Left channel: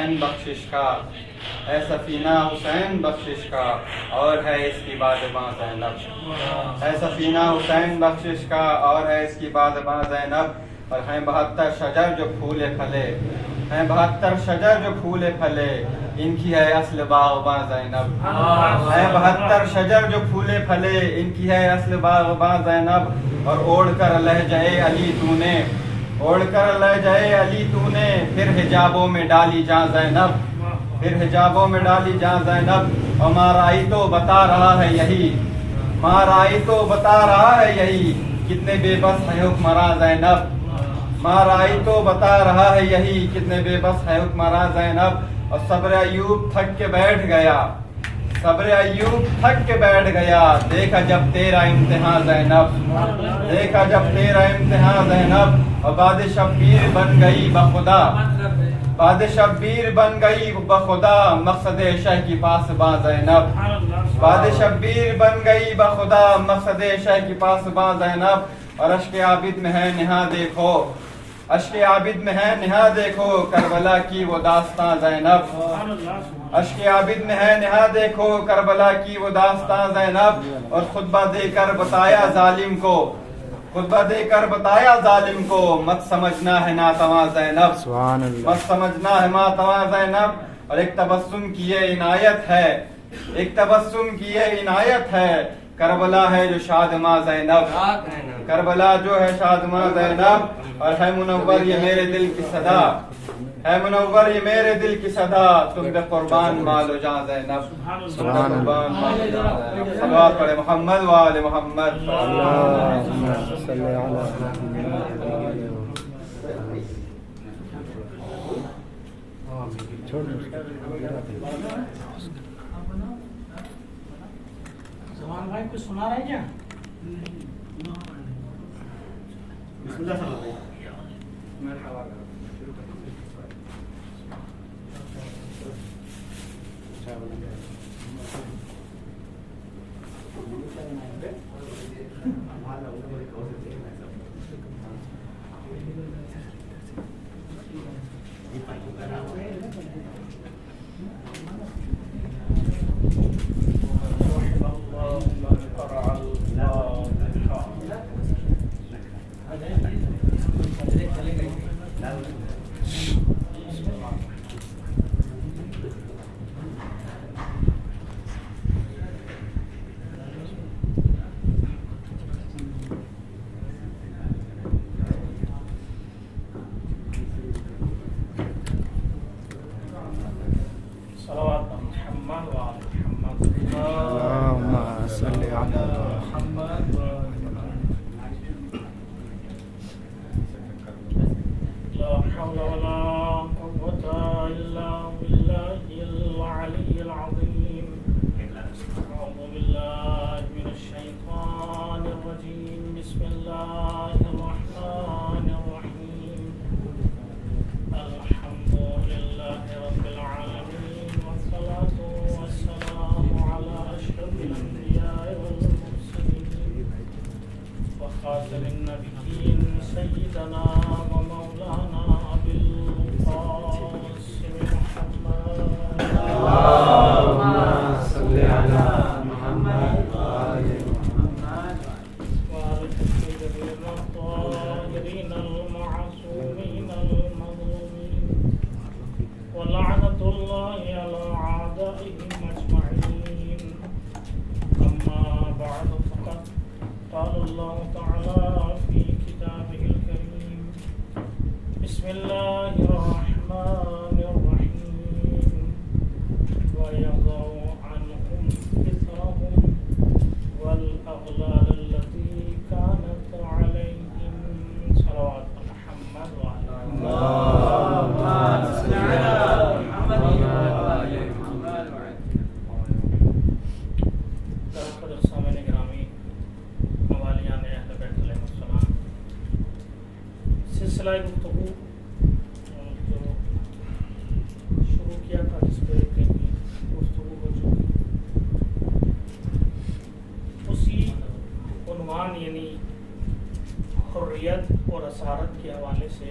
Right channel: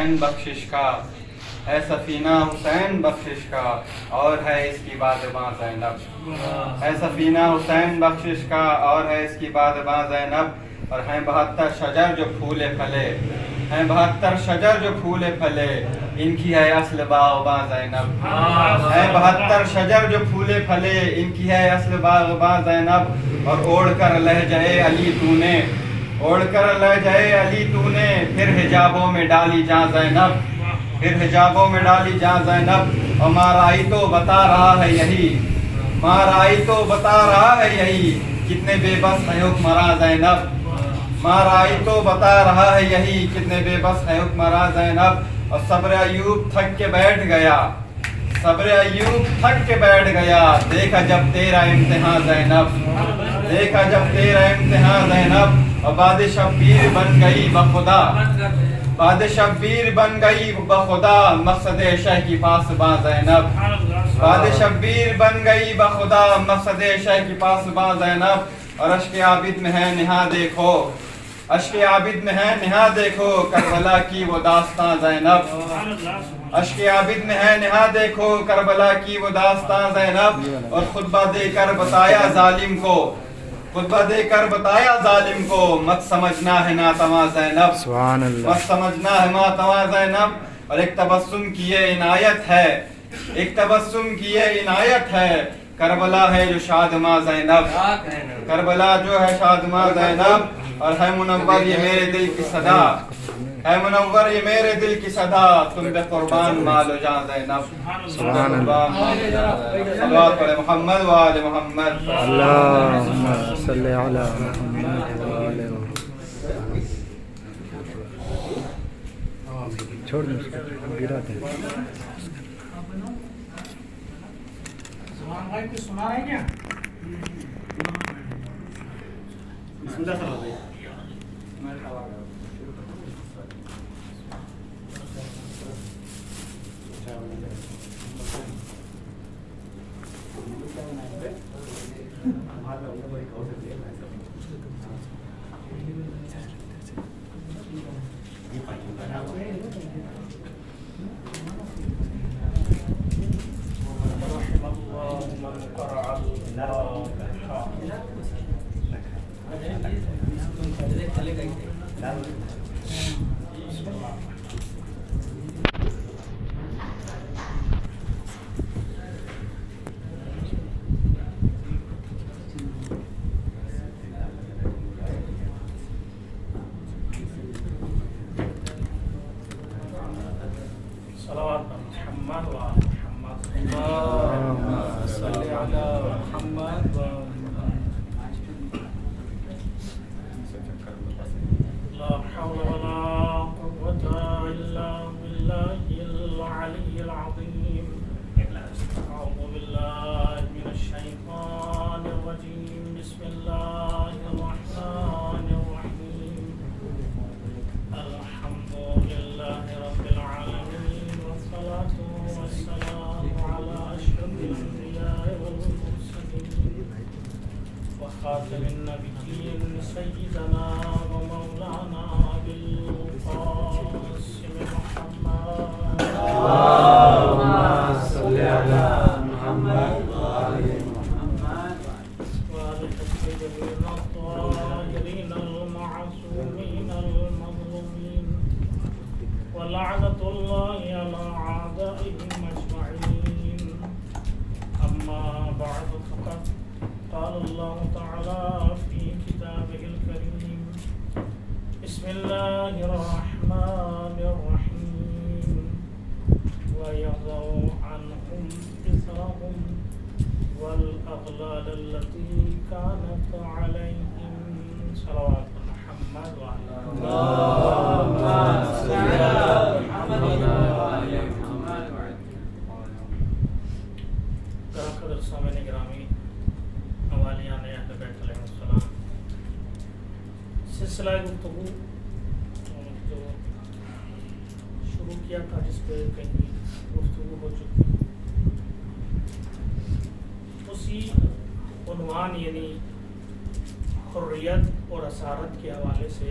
حسین بخشش کا، ہے سفینہ حسین بخشش کا، اور ہے اس کی بادباں زینب، ہے سفینہ حسین بخشش کا، اور ہے اس کی بادباں زینب، اور ہیں 72 شجر جو پھولے پھلے، ہیں 72 شجر جو پھولے پھلے، ان کی ہے اصل باغباں زینب، ہیں 72 شجر جو پھولے پھلے، ان کی ہے اصل باغباں زینب، اور اوڑھ کر لہجۂ علی تو نے، اوڑھ کر لہجۂ علی تو نے، پھر حجابوں میں ڈالی جاں زینب، پھر حجابوں میں ڈالی جاں زینب، اور مارائی تو بتا رہا ہے یہی، مارائی تو بتا رہا ہے یہی، کتنے بے بس ہیں حکمراں زینب، مارائی تو بتا رہا ہے یہی، کتنے بے بس ہے حکمراں زینب، اور صبر ایوب تھک کے بیٹھ گیا، صبر ایوب تھک کے بیٹھ گیا، دیکھا جب تیرا امتحان زینب، دیکھا جب تیرا امتحان زینب، اور باد شبیر بن گئی بخدا، باد شبیر بن گئی بخدا، مقصد شہ کی پاسباں زینب، باد شبیر بن گئی بخدا، مقصد شہ کی پاسباں زینب، اور اشک عابد میں ہے نہا دیکھو، اشک عابد میں ہے نہا دیکھو، کربلا کی وہ داستاں زینب، اشک عابد میں ہے نہا دیکھو، کربلا کی وہ داستاں زینب، اور خطبہ دے کر بتایا ظالم کو، خطبہ دے کر بتایا ظالم کو، مت سمجھنا ہے ناتواں زینب، سبحان اللہ، مت سمجھنا ہے ناتواں زینب، اور ایک تبسم کی یہ عنایت ہے، ایک تبسم کی یہ عنایت ہے، کربلا ہے جو شادماں زینب، کربلا جو ہے شادماں زینب، اور ہے منور یہ میرے دل کی صدا، ہے منور یہ میرے دل کی صدا، تم پہ قربان مال و جاں زینب، تم پہ قربان مال و جاں زینب، صلوات پڑھے محمد و آل محمد، اللہم صلی علی محمد و آل محمد، چھوڑ دیں اس کو گرا دیں، بھائی کچھ سنا رہے کیا؟ بسم اللہ صلی اللہ اللہم صلی علی محمد، لا حول ولا قوة إلا بالله العلي العظيم. أعوذ بالله من الشيطان الرجيم. بسم الله الرحمن الرحيم. الحمد لله رب العالمين، والصلاة والسلام على أشرف الأنبياء والمرسلين وخاتم النبيين سيدنا ومولانا أبي القاسم محمد، اللہم صلی علی محمد و آل محمد، وآل الطيبين الطاهرين المعصومين المظلومين، ولعنة الله على أعدائهم أجمعين. أما بعد، فقد قال الله تعالى في كتابه الكريم: بسم الله الرحمن الرحيم. ويضع عنهم إثرهم والأغلال التي كانت عليهم. صلوات محمد وعلى اللہم صلی علی محمد و آل محمد، آخر سامعین گرامی، موالیان اہل بیت علیہ السلام، سلسلہ گفتگو جو شروع کیا تھا، جس پہ کہیں گفتگو ہو چکی، اسی عنوان یعنی حریت اور اسارت کے حوالے سے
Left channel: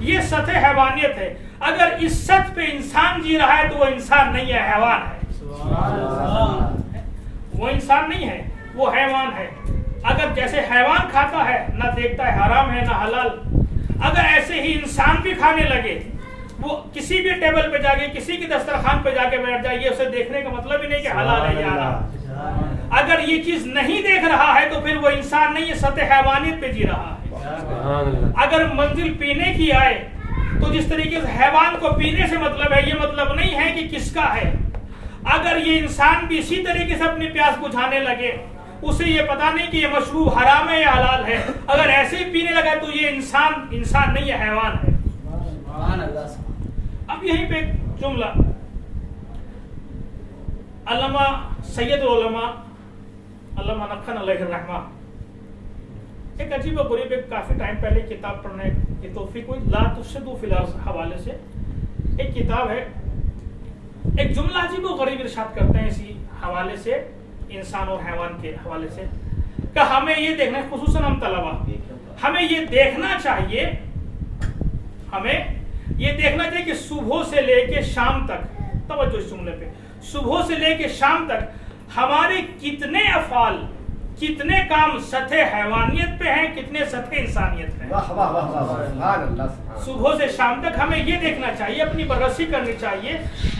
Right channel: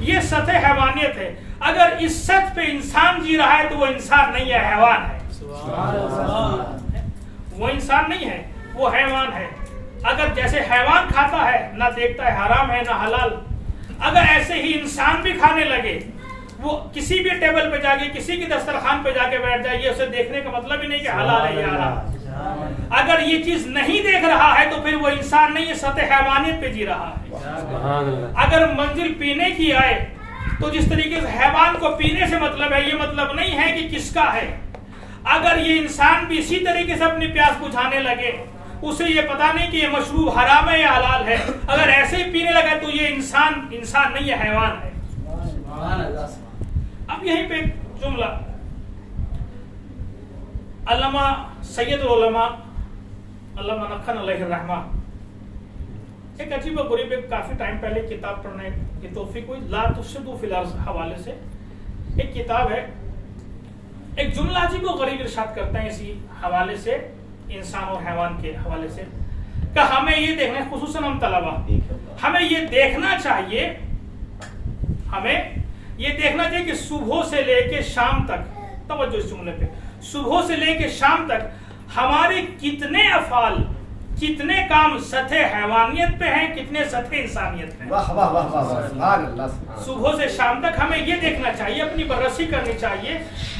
یہ سطح حیوانیت ہے. اگر اس سطح پہ انسان جی رہا ہے تو وہ انسان نہیں ہے، حیوان ہے. وہ انسان نہیں ہے، وہ حیوان ہے. اگر جیسے حیوان کھاتا ہے، نہ دیکھتا ہے حرام ہے نہ حلال، اگر ایسے ہی انسان بھی کھانے لگے، وہ کسی بھی ٹیبل پہ جا کے کسی کی دسترخوان پہ جا کے بیٹھ جائے، یہ اسے دیکھنے کا مطلب ہی نہیں کہ حلال ہے یا حرام. اگر یہ چیز نہیں دیکھ رہا ہے تو پھر وہ انسان نہیں ہے، سطح حیوانیت پہ جی رہا ہے. اگر منزل پینے کی آئے تو جس طریقے سے حیوان کو پینے سے مطلب ہے، یہ مطلب نہیں ہے کہ کس کا ہے. اگر یہ انسان بھی اسی طریقے سے اپنی پیاس بجھانے لگے، اسے یہ پتا نہیں کہ یہ مشروب حرام ہے یا حلال ہے، اگر ایسے ہی پینے لگا تو یہ انسان نہیں ہے، حیوان ہے. اب یہیں پہ ایک جملہ علامہ سید العلماء علامہ نقن علیہ الرحمہ، ایک عجیب و غریب، ایک کافی ٹائم پہلے کتاب پڑھنے کی توفیق ہوئی، لا تفسدوا فی الارض حوالے سے ایک کتاب ہے. ایک جملہ عجیب و غریب ارشاد کرتے ہیں اسی حوالے سے، انسان اور حیوان کے حوالے سے، کہ ہمیں یہ دیکھنا، خصوصاً ہم طلبہ، ہمیں یہ دیکھنا چاہیے کہ صبح سے لے کے شام تک، توجہ اس جملے پہ، صبح سے لے کے شام تک ہمارے کتنے افعال، کتنے کام سطح حیوانیت پہ ہیں، کتنے سطح انسانیت پہ ہیں. صبح سے شام تک ہمیں یہ دیکھنا چاہیے، اپنی بررسی کرنی چاہیے،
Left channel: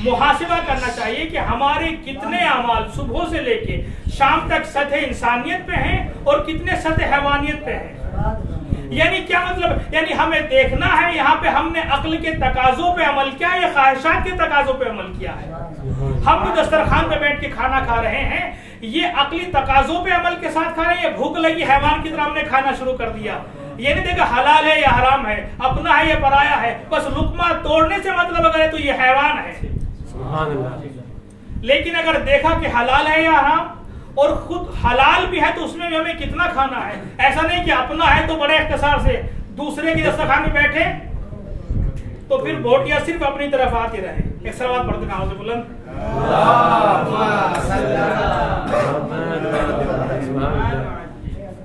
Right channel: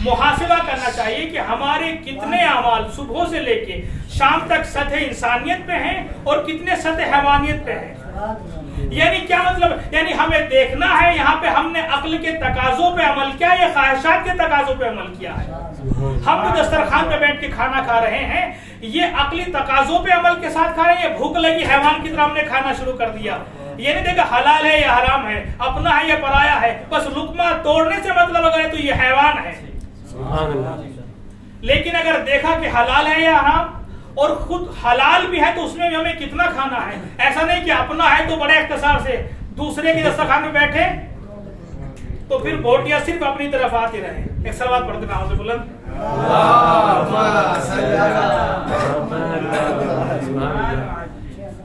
محاسبہ کرنا چاہیے کہ ہمارے کتنے اعمال صبح سے لے کے شام تک سطح انسانیت پہ ہیں اور کتنے سطح حیوانیت پہ ہیں. یعنی کیا مطلب؟ یعنی ہمیں دیکھنا ہے یہاں پہ ہم نے عقل کے تقاضوں پہ عمل کیا یا خواہشات کے تقاضوں پہ عمل کیا ہے. ہم جو دسترخوان پہ بیٹھ کے کھانا کھا رہے ہیں، یہ عقلی تقاضوں پہ عمل کے ساتھ کھا رہے ہیں یا بھوک لگی حیوان کی طرح ہم نے کھانا شروع کر دیا؟ یہ نہیں دیکھا حلال ہے یا حرام ہے، اپنا ہے یا پرایا ہے، بس لقمہ توڑنے سے مطلب اگر ہے تو یہ حیوان ہے. لیکن اگر دیکھا کہ حلال ہے یا حرام، اور خود حلال بھی ہے تو اس میں بھی ہمیں کتنا کھانا ہے، ایسا نہیں کہ اپنا ہے تو بڑے اختصار سے، دوسرے کی دسترخوان میں بیٹھے تو پھر بوٹیاں صرف اپنی طرف آتی رہے. ایک سلوات پڑھتے ہیں آواز بلند.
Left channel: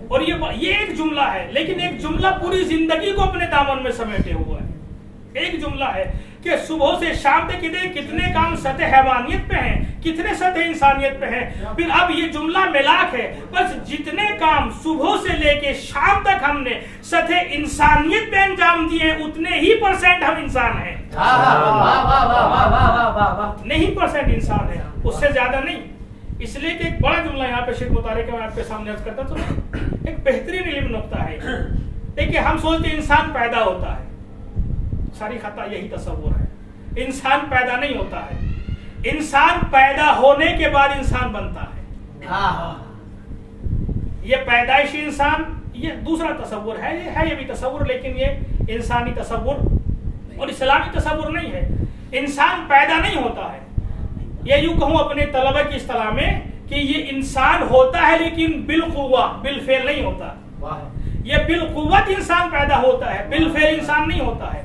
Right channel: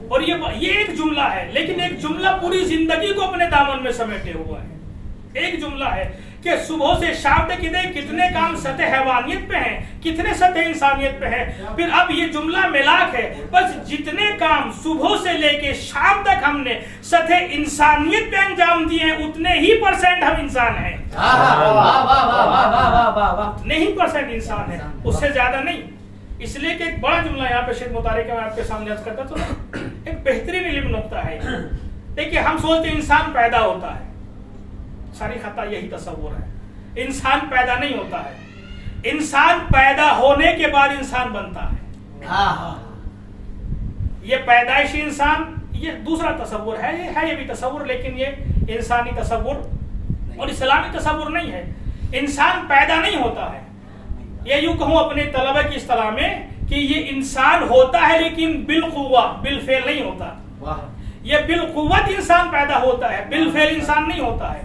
اور یہ ایک جملہ ہے، لیکن ایک جملہ پوری زندگی کو اپنے دامن میں سمیٹے ہوا ہے. ایک جملہ ہے کہ صبح سے شام تک کتنے کام سطح حیوانیت پہ ہیں، کتنے سطح انسانیت پہ ہیں. پھر اب یہ جملہ ملاک ہے، بس جتنے کام صبح سے لے کے شام تک ہم نے سطح انسانیت پہ انجام دیے ہیں، اتنے ہی % ہم انسان ہیں. نہیں % انسان ہے، اس سے زیادہ نہیں. اس لیے کہ ایک بڑا جملہ یہاں پہ شیخ مطالعے کا میں آپ کے سامنے عرض کرتا تو ایک بہترین علم نقطہ ہے. دیکھیے ہم سوچتے انسان پیدا ہوتا ہے، ساری خطا یہی تصور ہے. انسان پیدا نہیں ہوتا ہے، انسان پیدا ہونے کے بعد انسان بنتا ہے. یہ پیدائشی انسان یہ دوسرا تصور ہے، یہ بھی تصور، لیکن یہ انسانی تصور اور اسلامی تصور نہیں ہے. انسان پیدا نہیں ہوتا ہے، یہ یوں کہوں اپنے طلبہ کی اصطلاح میں کہ یہ انسان ہوتا ہے لیکن بالقوہ، بالفعل نہیں ہوتا. یہ بالقوت انسان پیدا ہوتا ہے، بالفعل انسان نہیں ہوتا ہے.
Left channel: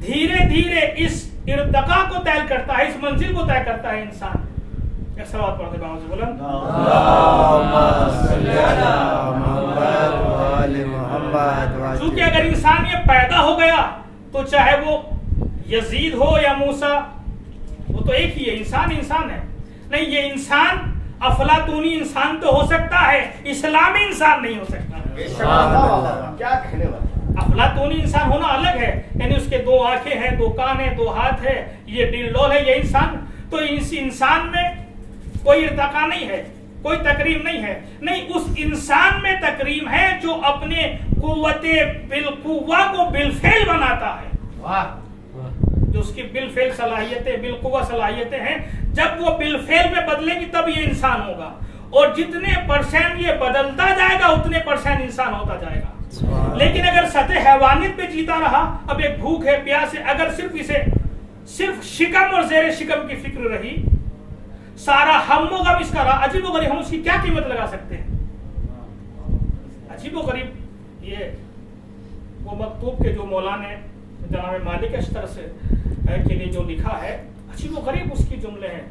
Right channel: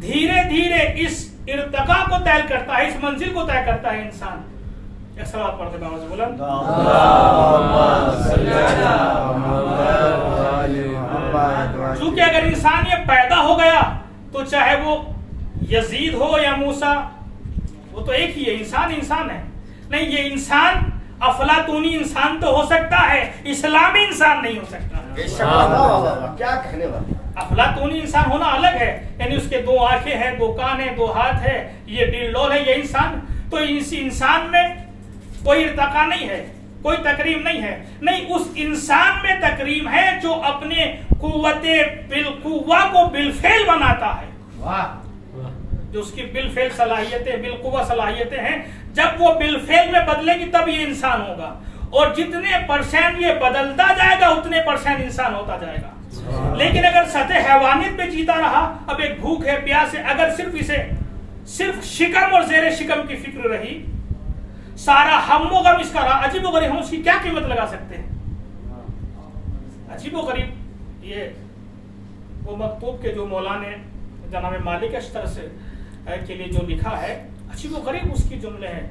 دھیرے دھیرے اس ارتقاء کو طے کرتا ہے، اس منزل کو طے کرتا ہے انسان. ایک سوال پڑھتے ہیں باوجود بلند. چونکہ اگر انسان یہ پیدا ہو گیا تو چاہے وہ یزید ہو یا موسیٰ، وہ تو ایک ہی ہے، انسان ہے. نہیں، یہ انسان افلاطونی انسان تو ہو سکتا ہے، اسلامی انسان نہیں ہو سکتا. کیا کہنے والا؟ افلاطونی انسان ہونا الگ ہے، یعنی اس کے 2 آنکھیں ہیں، 2 کان ہیں، 2 ہاتھ ہے، یہ ڈیل ڈول ہے، یہ انسان. تو اس انسان میں کوئی ارتقا نہیں ہے، کوئی تکریم نہیں ہے. نہیں، اس انسان میں تکریم ہے جو اپنے قوت بالقوہ کو بالفعل بناتا ہے. جو اس کی بالفعل صلاحیتیں، بالقوہ صلاحیتیں ہیں، جب وہ بالفعل میں بدلے گی تب یہ انسان ہوگا. اور جتنے % یہ بدلتا جائے گا اتنے % انسان ہوتا جائے گا. لیکن اگر سطح حیوانیت پہ جیتا رہا، اب ایک بھوک ہے، پیاس ہے، اگر صرف شکم اور زیر شکم کی فکر رہی، سارا ہم و غم اس کا رہا، عجیب و غریب، ہم اس کی کیا قیمت لگا سکتے ہیں؟ عجیب و غریب یہ وہ مکتوب کے جو مولا نے جناب مالک اشتر سے کے لیے جو لکھا ہے، عجیب و غریب اس کی جملے ہیں.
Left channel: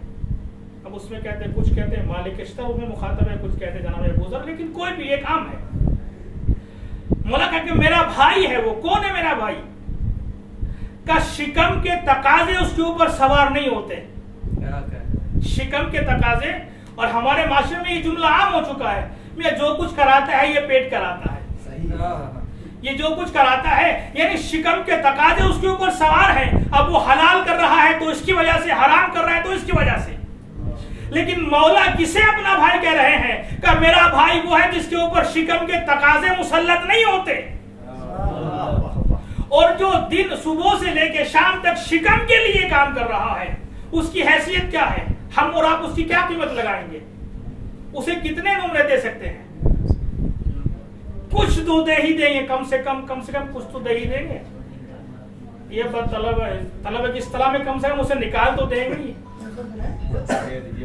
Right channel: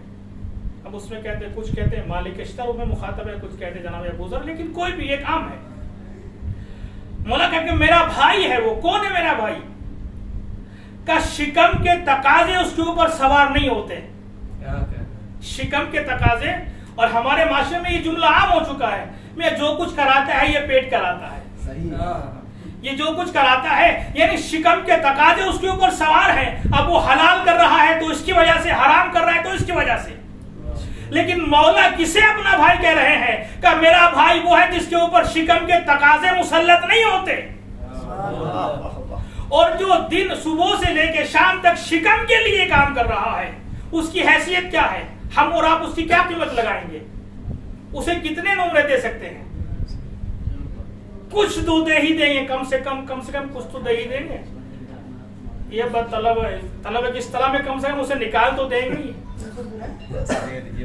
اب اس میں کہتے ہیں، کچھ کہتے ہیں مالک اشتر میں مخاطب ہے، کچھ کہتے ہیں جناب ابو ذر، لیکن کوئی بھی ایک عام ہے. مولا کہتے ہیں میرا بھائی ہے. وہ کون ہے میرا بھائی؟ کا شکم کے تقاضے اس کے اوپر سوار نہیں ہوتے. شکم کے تقاضے، اور ہمارے معاشرے میں یہ جملہ عام ہو چکا ہے، میں جو کچھ کراتا ہے یہ پیٹ کراتا ہے. یہ جو کچھ کراتا ہے یعنی شکم کے تقاضے اس کے اوپر سوار ہیں. اب وہ حلال کر رہا ہے تو اس کی وجہ سے، حرام کر رہا ہے تو اس کی وجہ سے. لیکن مولا کسے اپنا بھائی کہہ رہے ہیں کہ میرا بھائی وہ ہے جس کے اوپر شکم کے تقاضے مسلط نہیں ہوتے، اور جو دن صبح سے لے کے شام تک شکم کے لیے کام کر رہا ہے اس کی حیثیت کیا ہے؟ ہم اور آپ اس کی کیا قیمت لگائیں گے؟ اسے کتنے نمرے دے سکتے ہیں؟ کچھ تو دے ہی دیں گے، کم سے کم کچھ تو دے ہی دیں گے. یہ بد طلب ہے، طلب ہے کہ اس طرح میں کم سے کم اسے نکال تو دیں گے،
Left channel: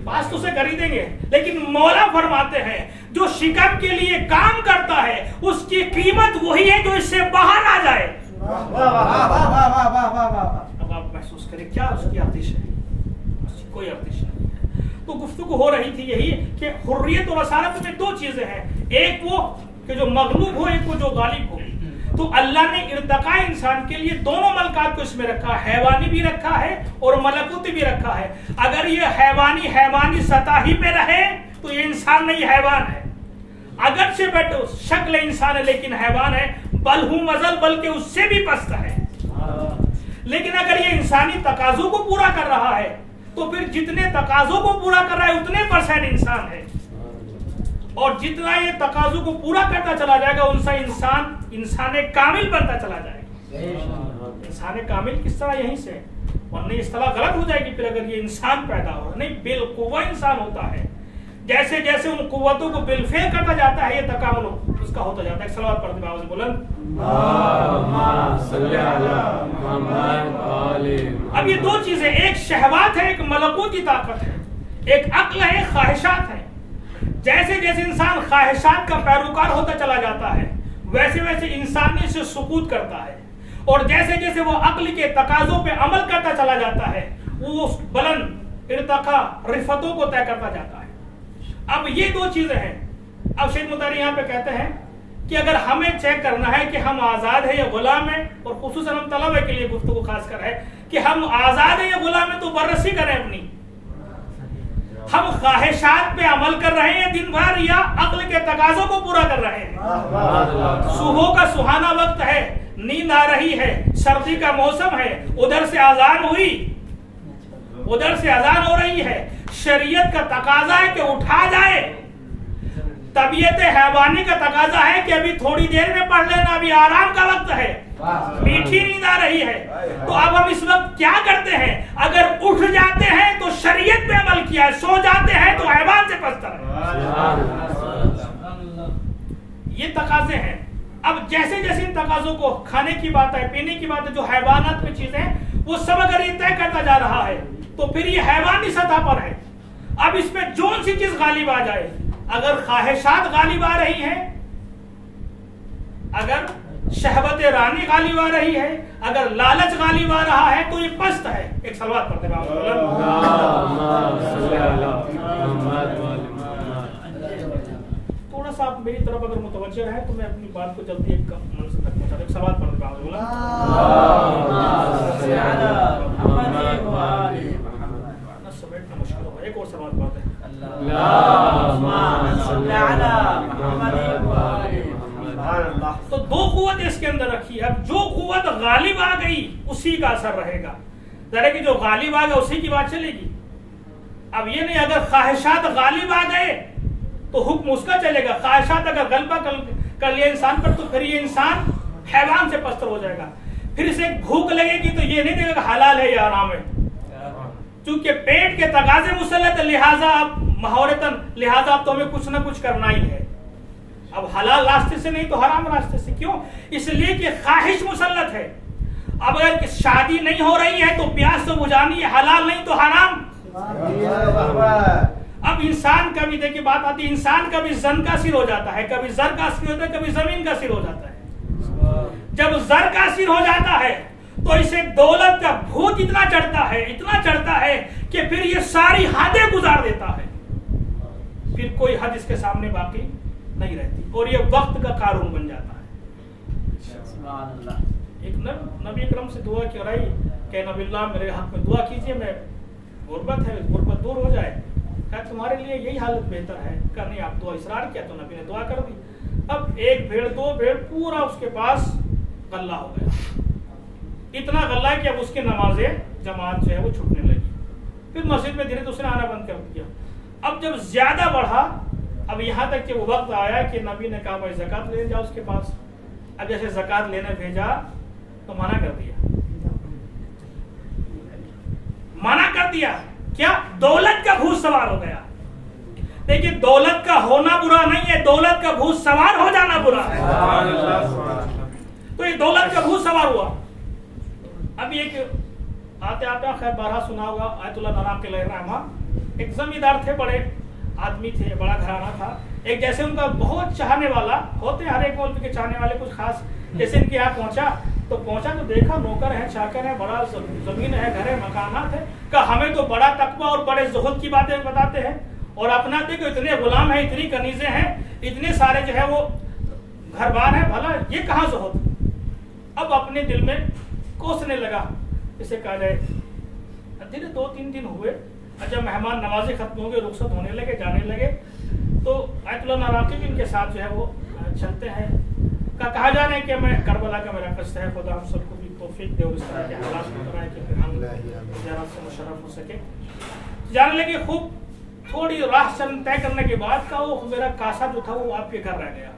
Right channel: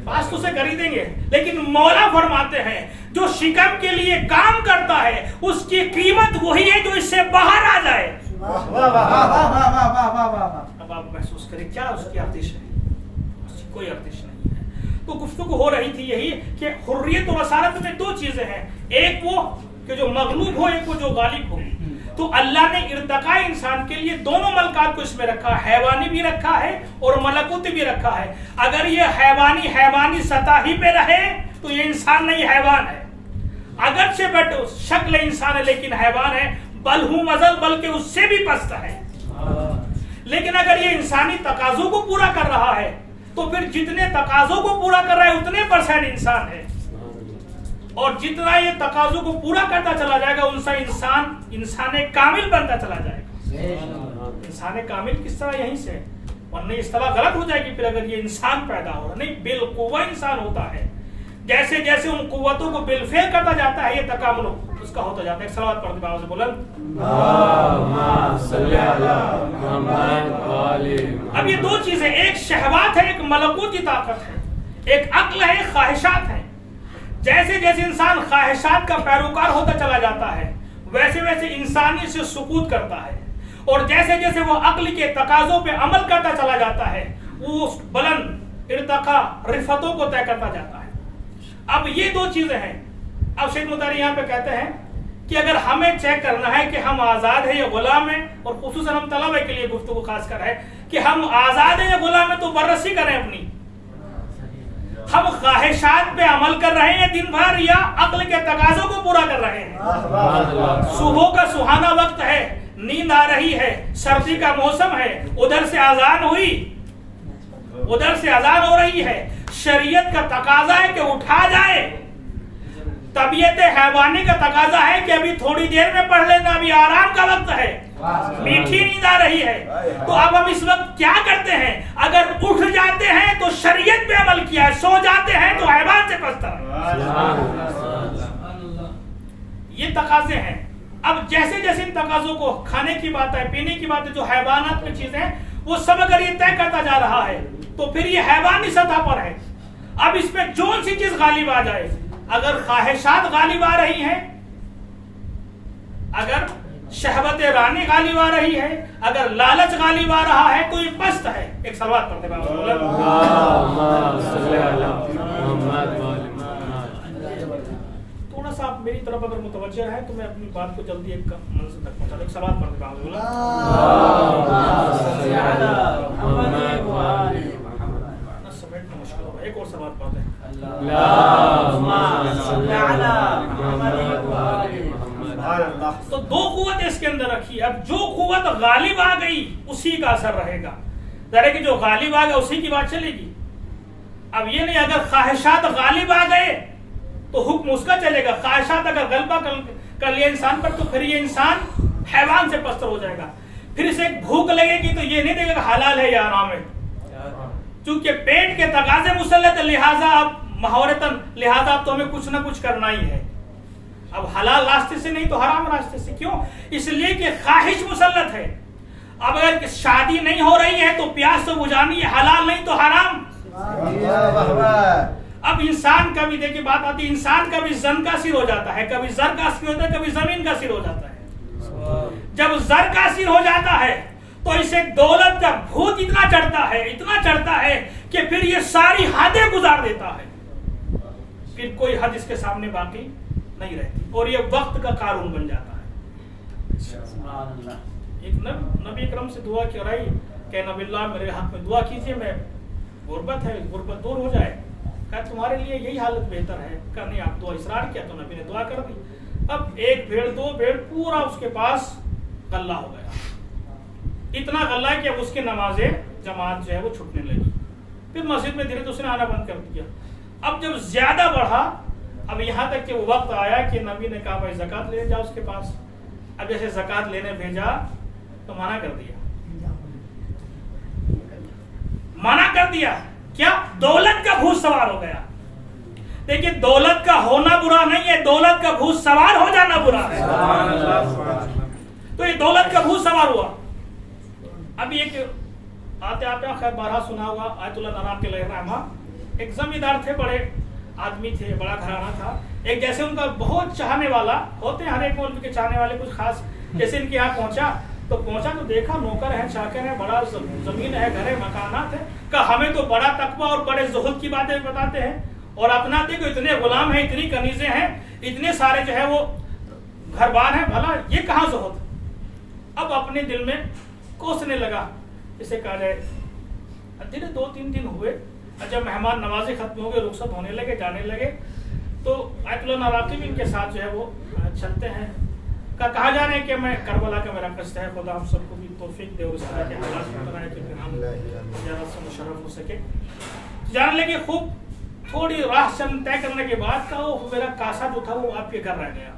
پاس تو اسے کر ہی دیں گے. لیکن مولا فرماتے ہیں جو شکم کے لیے کام کرتا ہے اس کی قیمت وہی ہے جو اس سے باہر آ جائے. اب آپ محسوس کریں کیا اس کی ارزش ہے؟ اس کی کوئی ارزش نہیں ہے. تو گفتگو ہو رہی تھی یہی کہ حریت اور رسالت میں دو چیزیں ہیں، ایک وہ کہ جو مغلوب ہو، ایک وہ جو غالب ہو. تو اللہ نے ارتقاء انسان کے لیے دونوں ملکات کو اس میں رکھا، حیوانی بھی رکھا ہے اور ملکوتی بھی رکھا ہے. اگر یہ حیوانی سطح ہی پہ رہے تو یہ انسان نہیں حیوان ہے. اگرچہ شکل انسان ہے لیکن حیوان ہے، بل ہوں مزل، بلکہ اس سے بھی پست ہے. لیکن اگر یہ انسانی تقاضوں کو پورا کر رہا ہے تو پھر جتنے تقاضوں کو پورا کر رہا ہے اتنے % انسان ہے، اور جتنا یہ تقاضوں کو پورا کرتا چلا جائے گا ان سے انسان کامل بنتا چلا جائے گا. انسان کامل کس طرح؟ یہیں سے، ورنہ اصطلاح غلط ہو جائے گی پھر اگر یہ انسان پیدا ہو. نہیں، بالقوہ انسان ہوتا ہے. جیسے جیسے ان قوتوں کو بالفعل کرتا جاتا ہے یہ تکامل اس کا ہوتا جاتا ہے. ایک صلوات پڑھتے باؤ سے بلند. اب یہ دو چیزیں، ایک شہوات ہے، ایک ملکوتی طاقت ہے، ایک عقل ہے، ایک خواہشات ہے. جیسے جیسے انسان خواہشات کا پیروکار ہوتا چلا جاتا ہے ویسے ویسے انسانی سے سقوط کرتا ہے، اور جیسے جیسے وہ عقل کے تقاضوں پہ عمل کرتا چلا جاتا ہے وہ بلند ارتقاء رفتوں کو طے کرتا جاتا ہے. اب یہ دو چیزیں ہیں. اب شیخ مطہری یہاں پہ کہتے ہیں کہ اگر ہمیں چیک کرنا ہے کہ ہم آزاد ہیں یا غلام ہیں، اور خصوصاً ہم طلبہ کے لیے گفتگو خاص کر ہے کہ ہم آزاد ہیں یا غلام ہیں، تو بررسی کریں اپنی. ہم خواہشات پہ عمل کر رہے ہیں دن بھر یا عقل کے تقاضوں کو پورا کر رہے ہیں؟ صبح کا سہانا وقت ہے، نیند آ رہی ہے، سردی کا موسم ہے، ادھر سے اذان ہوئی، ادھر سے اذان ہو رہی ہے، شریعت کا تقاضا ہے کہ اٹھا جائے، طبیعت حیوانی کا تقاضا ہے کہ ابھی تھوڑی دیر میں پڑھ لینا، ابھی آرام کا وقت ہے، میٹھی نیند آ رہی ہے. تو اب ہم اس وقت کیا کرتے ہیں؟ اگر اٹھ جاتے ہیں تو شریعت پہ عمل کیا ہے، سو جاتے ہیں تو حیوان سے پستر ہے. یہ تقاضے ہیں. اب جیسے جیسے ان تقاضوں کو، کھانے کی بات ہے، پینے کی بات ہے، جو حیوانات میں چیزیں وہ سب اگر یہ طے کرتا جا رہا ہے تو پھر یہ حیوانی سطح پر ہے. اب اس میں جون سی چیز غالب آ جائے، اگر خواہشات غالب آ رہی ہیں، اگر شہوت رانی غالب آ رہی ہے، اگر لالچ غالب آ رہا ہے تو یہ پست ہے. ایک صلوات پڑھتے ہیں. تھوڑا سا آپ میری طرف اگر متوجہ ہے تو میں اپنی بات کو جلدی ایک منزل تک پہنچا دوں. ایک صلوات پڑھتے ہیں. سمیٹنا مشکل ہوگا، ایک اور صلوات پڑھتے ہیں. تو دو قوت اس کے اندر رکھی. اب جو قوت غالب آ گئی اسی کا اثر رہے گا. ذرا کہ جو غالب آ گیا اسی کی بات چلے گی. اب یہ نہیں اگر خواہشات غالب آ گئے تو حکم اس کا چلے گا. خواہشات اگر غلبہ کر لیا انسان پر تو پھر یہ انسان حیوان سے پستر ہو جائے گا. پھر اسے بھوک لگے گی تو یہ نہیں دیکھے گا حلال ہے یا حرام ہے، چونکہ پیٹ کے تقاضے مسلط ہے، لہٰذا اب تو ہمیں کچھ نہ کچھ کرنا ہی ہے. اب حلال راستے سے نہیں تو حرام راستے سے. کیوں؟ اس لیے کہ خواہش مسلط ہے. اب اگر شادی نہیں ہو رہی ہے تو پیاس تو بجھانی ہے، حلال نہیں تو حرام. اب انسان کا بھی دیکھیں بات آتی ہے، انسان کا بھی زن کا سر ہو جاتا ہے، کبھی زر کا سر ہوتا ہے، کبھی زمین کا سر ہو جاتا ہے. جب زر کا سر ہو جاتا ہے تو اسے دولت کا بھوت اتنا چڑھتا ہے کہ پھر یہ ساری حدیں گزار دیتا ہے. پھر کوئی حد اس کے سامنے باقی نہیں رہتی اور یہ وقت کا قارون بن جاتا ہے. ایک نبی اکرم سے دعا کرائی کہ نبی اللہ میرے حق میں دعا کیجئے، میں غربت ہے، غربت دور ہو جائے. کہا تمہارے لیے یہی حالت بہتر ہے. کہا نہیں، آپ دعا اصرار کیا تو نبی نے دعا کر دی. اب ایک بھیڑ دو بھیڑ پورا اس کے پاس غلہ ہو گیا. اتنا غلہ ہے کہ اب اس کی نماز جماعت جو ہے وہ چھٹنے لگی. پھر مسجد میں دھیرے دھیرے اس نے آنا بند کر دیا. اب جب زیادہ بڑھا، اب یہاں تک کہ وہ وقت آیا کہ نبی نے کہا بھائی زکوٰۃ لے جاؤ اس کے پاس. اب جیسے زکوٰۃ لینے بھیجا تو منع کر دیا. منع کر دیا کیا؟ دولت کا بھوت سوار ہو گیا. دیکھیے دولت کا ہونا برا نہیں ہے، دولت کا بھوت سوار ہو جانا برا ہے. تو یہ دولت کا بھوت سوار ہوا. ابھی ایک آتے آتے خیر بارہ سنا ہوگا، آیت اللہ نرام علیہ رحمہ ایک زمیندار تھے، بڑے آدمی تھے، بڑا گھرانہ تھا. ایک جیسے ان کا بہت چاہنے والا ہوتے ہیں ہر ایک ملک کے چاہنے والے کچھ خاص، جیسے ان کے یہاں پہنچا تو دیکھا نوکر ہے، چاکر ہے، بڑا زمین ہے، گھر ہے، مکانات ہے. کہا ہمیں تو بڑا تقویٰ اور بڑے زہد کی باتیں بتاتے ہیں، اور اپنا دیکھو اتنے غلام ہیں، اتنی کنیزیں ہیں، اتنے سارے جو ہے وہ گھر بار ہیں، بھلا یہ کہاں زہد. اب اپنے دل میں کوسنے لگا، اسے کہا جائے. دن 2-3 دن ہوئے، جب مہمان نوازی ختم ہو گئے، رخصت ہونے لگے، جانے لگے، تو آیت اللہ ناراقب ان کے ساتھ جو ہے وہ چلتے ہیں. کہا جا رہے ہیں کہ میں کربلا کا میرا قصد ہے، خدا ہم سب کو بھی توفیق دے اور اس طرح کے حالات میں کرائے کہ پھر ہم زیارت سے مشرف ہو سکے. جانے لگے، خوب تھوڑی راہ طے کرنے کے بعد کہا وہ میرا کاسا جو تھا وہ آپ کے گھر رہ گیا.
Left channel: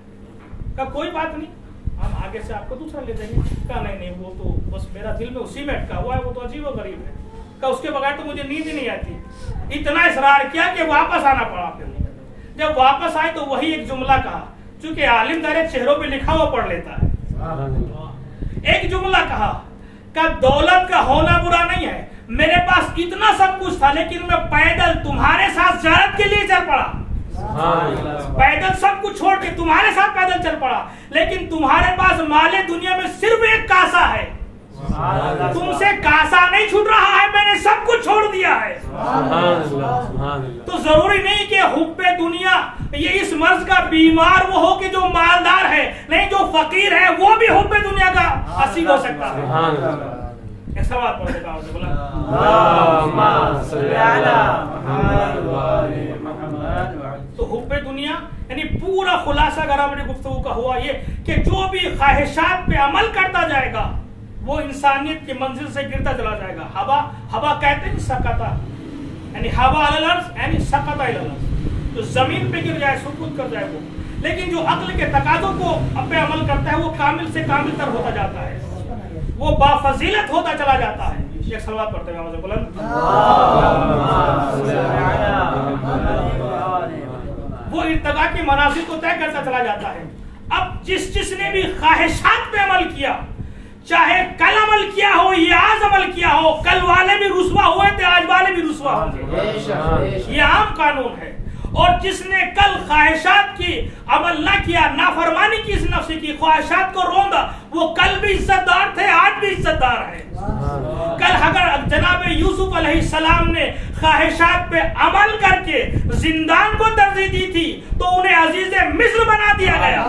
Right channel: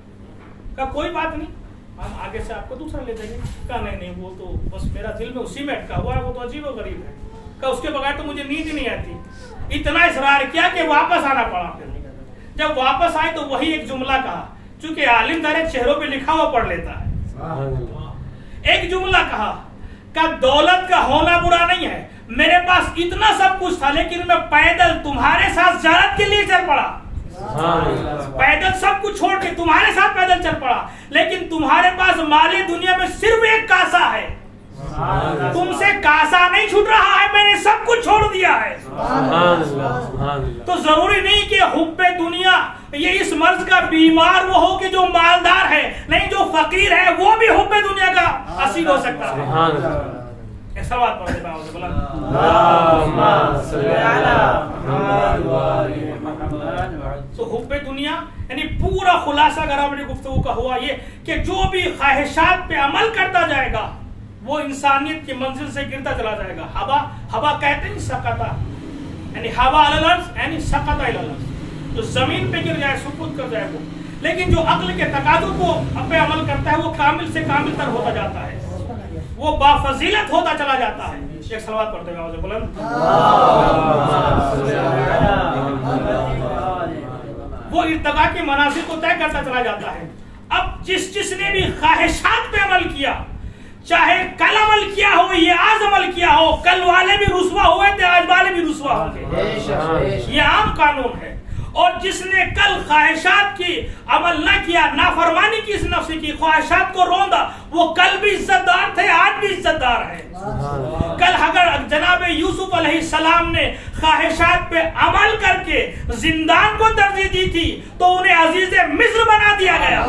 کہا کوئی بات نہیں، ہم آگے سے آپ کو دوسرا لے دیں گے. کہا نہیں وہ تو بس میرا دل میں اسی میں اٹکا ہوا ہے، وہ تو عجیب و غریب ہے. کہا اس کے بغیر تو مجھے نیند ہی نہیں آتی. اتنا اصرار کیا کہ واپس آنا پڑا. پھر جب واپس آئے تو وہی ایک جملہ کہا، چونکہ عالم دار چہروں پہ لکھا ہوا پڑھ لیتا ہے. ایک جملہ کہا کہ دولت کا ہونا برا نہیں ہے، میرے پاس اتنا سب کچھ تھا لیکن میں پیدل تمہارے ساتھ زیارت کے لیے چل پڑا. پیدل سب کچھ چھوڑ کے تمہارے ساتھ پیدل چل پڑا، لیکن تمہارے پاس مال دنیا میں صرف ایک کاسا ہے. تم سے کاسا نہیں چھوٹ رہا ہے، میں نے سب کچھ چھوڑ دیا ہے. تو ضروری نہیں کہ حب دنیا یہ اس مرض کا بیمار وہ ہو کہ جو مالدار ہے، نہیں جو فقیر ہے وہ بھی حب دنیا کا اسیر ہو سکتا ہے. ایک سوال پڑھ دے باؤ سے بولا تو حب دنیا یعنی پورا خلاصہ اگر ہماری گفتگو کا ہوا یہ کہ جو بھی خواہشات پہ عمل کرتا جائے گا وہ انسانیت کی منزل سے گرتا چلا جائے گا. ہوا کہتے ہیں سقطہ، یعنی ہوا علی الارض یعنی سقط علی الارض، تو زمین پہ گر جائے، سقوط کر جائے وہ. لیکن جو عقل کے تقاضوں کو پہ عمل کرتا ہے وہ کامل سے کامل تر ہوتا جاتا ہے، وہ بافضیلت ہوتا چلا جاتا ہے. ایک صلوات پڑھتے ہیں آواز بلند. وہ ارتقاء کے منازل کو طے کرتا چلا جاتا ہے. اب جس نے بھی خواہشات پہ عمل کیا، چاہے کل عمل کیا ہو یا آج عمل کیا ہو، کل والے بھی رسوا ہوئے تھے، آج والے بھی رسوا ہوں گے، یہ عام قانون ہے. اور جس نے کل خواہشات کی عمل نہ کیا، نافرمانی کی، اس نفس کی خواہشات کو روندا، وہ کل بھی عزت دار تھے، آج بھی عزت دار ہے. کل اگر جناب یوسف علیہ السلام نے خواہشات پہ عمل کر کے زندان کو ترجیح دی تھی تو انہیں عزیز مصر بنا دیا گیا.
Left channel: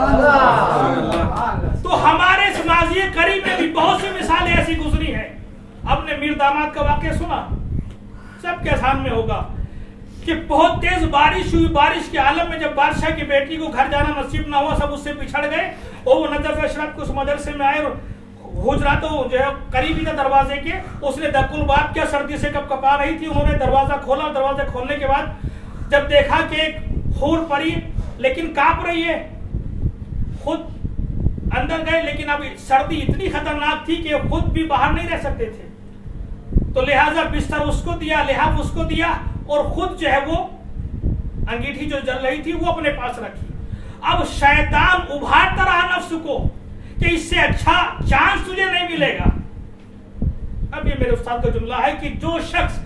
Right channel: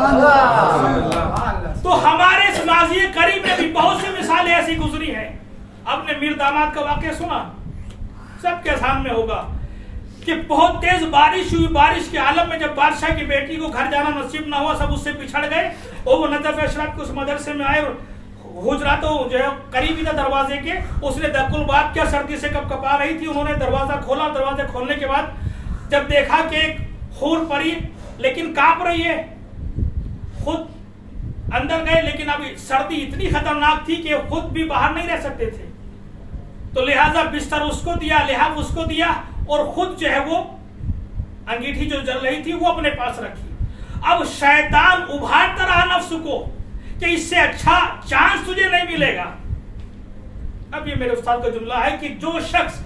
تو ہمارے اس ماضی قریب میں بھی بہت سی مثالیں ایسی گزری ہیں. آپ نے میر داماد کا واقعہ سنا، سب کے سامنے ہوگا کہ بہت تیز بارش ہوئی. بارش کے عالم میں جب بادشاہ کی بیٹی کو گھر جانا نصیب نہ ہوا، سب اس سے پچھڑ گئے، اور وہ نجف اشرف کو اس مدرسے میں آئے، حجرات جو ہے قریب ہی تھا دروازے کے، اس نے دق الباب کیا، سردی سے کب کپا رہی تھی. انہوں نے دروازہ کھولا، دروازے کھولنے کے بعد جب دیکھا کہ ایک حور پری لیکن کانپ رہی ہے، خود اندر گئے، لیکن اب سردی اتنی خطرناک تھی کہ خود بھی باہر نہیں رہ سکتے تھے، تو لہٰذا بستر اس کو دیا، لحاف اس کو دیا، اور خود جو ہے وہ انگیٹھی جو جل رہی تھی وہ اپنے پاس رکھی. اب شیطان ابھارتا رہا نفس کو کہ اس سے اچھا چانس تجھے نہیں ملے گا. اب یہ میرے استاد کا جملہ ہے کہ جو شخص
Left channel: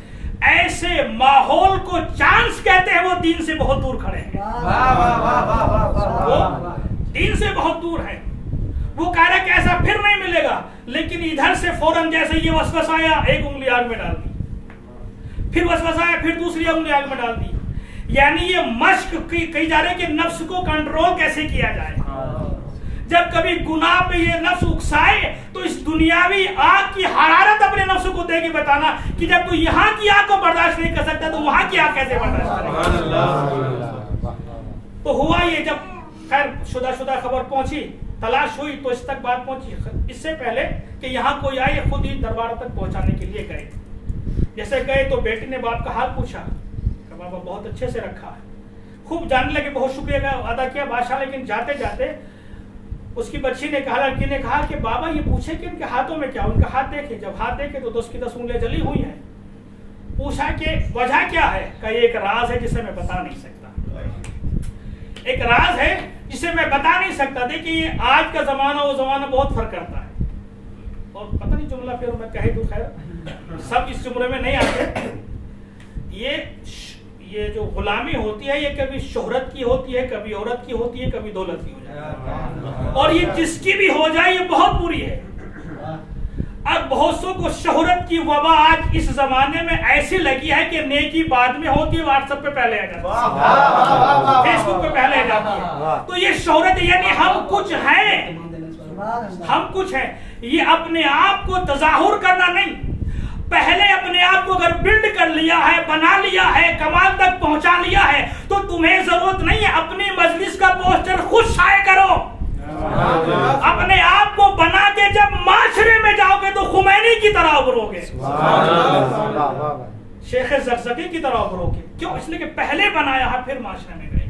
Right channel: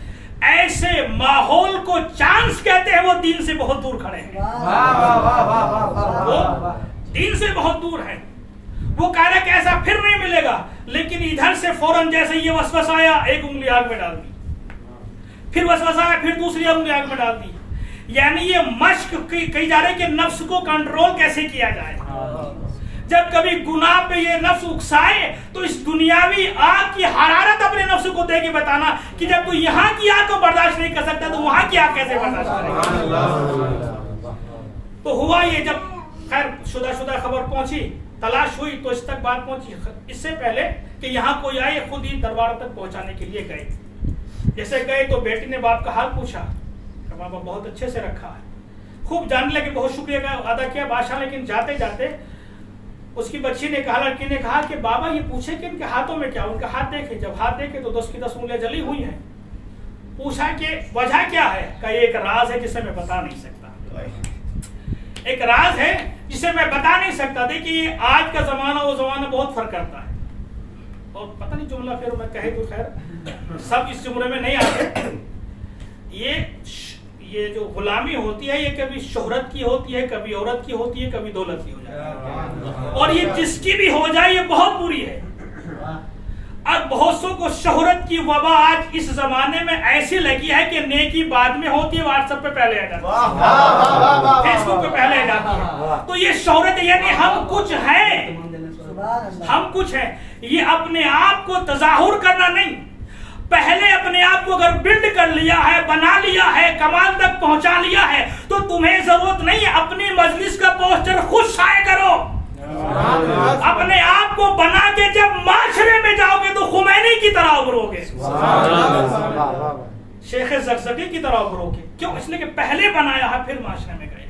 ایسے ماحول کو چانس کہتے ہیں وہ دین سے بہت دور کھڑے ہیں، وہ دین سے بہت دور ہیں. وہ کہہ رہا کہ ایسا پھر نہیں ملے گا، لیکن ادھر سے فوراً جیسے یہ وسوسہ آیا، ایک انگلی آگ میں ڈال دی، پھر وسوسہ آیا، پھر دوسری انگلی آگ میں ڈال دی. یعنی یہ مشق کی جا رہی کہ نفس کو کنٹرول کیسے کیا جائے. جب کبھی گناہ پہ یہ نفس اکسائے تو اس دنیاوی آگ کی حرارت اپنے نفس کو دے کے بتانا کہ جب تو یہاں کی آگ کو برداشت نہیں کر سکتا تو وہاں کی آگ کیسے برداشت کرے گا. تو ہوا یہ جب خیر شدہ خبر پہنچی, تلاش ہوئی تو اس تک بات پہنچی. اس سے پہلے کہ یہاں کوئی آئے خود ہی دربار تک پہنچانے کے لیے گئے. جیسے گئے تو بیٹی نے باپ کا حال پوچھا کہ بابا بہت اچھے سے رکھا ہے, خوب جاننے لگے, بہت شکریہ ادا کیا بادشاہ. لیکن جاتے جاتے اس کی بچی نے کہا, لڑکی نے کہا کہ بابا یہ پوچھے کہ ان کے ہاتھوں میں کیا. ان کا ہاتھ دیکھے, جب ہاتھ دیکھے تو 10 کی 10 انگلیاں جلی ہوئی ہیں. پوچھا کہ وجہ کیا ہے, کہ یہ ایک راز ہے جسے میں بتا نہیں سکتا. ایک راز ہے جسے میں بتا نہیں سکتا. دیکھیے آج کا زمانہ وہ زمانہ بہت فرق کرتا ہے. اور پتہ نہیں جملہ پھر میں کہے تو خیر سب اس جملے میں نہیں آتے. یہ جو غلامی ہوتی ہے یہ کبھی شہرت کی ہوتی ہے, کبھی عورت کی ہوتی ہے, کبھی دولت کی ہو جاتی ہے. اور یہ جس کی بھی ہو جائے یہ بہت بری ہے. اور بہت سو کو شہرت کی وبا آج اس زمانے میں ایسی لگی ہے کہ نیکی بعد میں ہوتی ہے, واٹس ایپ پہ پہلے آ جاتی ہے, فیس بک پہ پہلے آ جاتی ہے. تو یہ شہرت یعنی ہم کچھ ہیں, ہم کچھ ہیں. یہ اپنے آپ کو تظاہر کرنا نہیں, پہلے اپنے آپ کو اگر بلڈ کر لیا ہے, بنا لیا ہے, کمال تک پہنچا لیا ہے تو تمہیں ضرورت نہیں ہے اپنی مجلس کا پوسٹر خود شائع کرو. اپنے آپ کو بنا کے جب معاشرے میں جاؤ گے تو خمینی کی طرح ابھرو گے, شیخ زقزقی کی طرح ابھرو گے. کیوں؟ اس لیے کہ پہلے بنایا ہے پھر معاشرے میں گئے.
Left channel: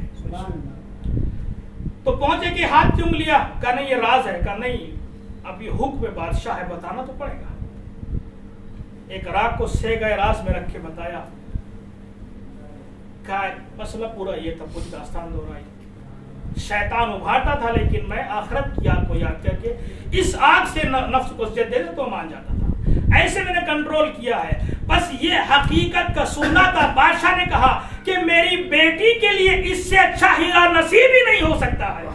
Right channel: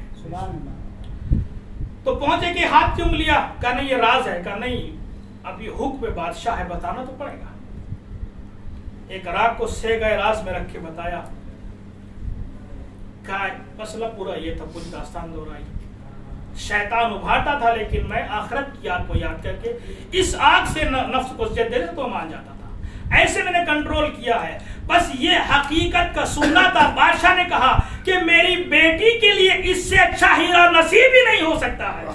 تو پہنچے کہ ہاتھ چوم لیا, کہا نہیں یہ راز ہے, کہا نہیں اب یہ حکم بادشاہ ہے, بتانا تو پڑے گا. ایک راگ کو سے گئے راز میں رکھ کے بتایا. کہا مسئلہ پورا یہ تھا, کچھ داستان دہرائی. شیطان ابھارتا تھا لیکن میں آخرت کی آگ کو یاد کر کے اس آگ سے نفس کو سجدے دے تو مان جاتا تھا. ایسے میں نے کنٹرول کیا ہے. بس یہ حقیقت کا سننا تھا. بادشاہ نے کہا کہ میری بیٹی کے لیے اس سے اچھا ہیرا نصیب ہی نہیں ہو سکتا ہے.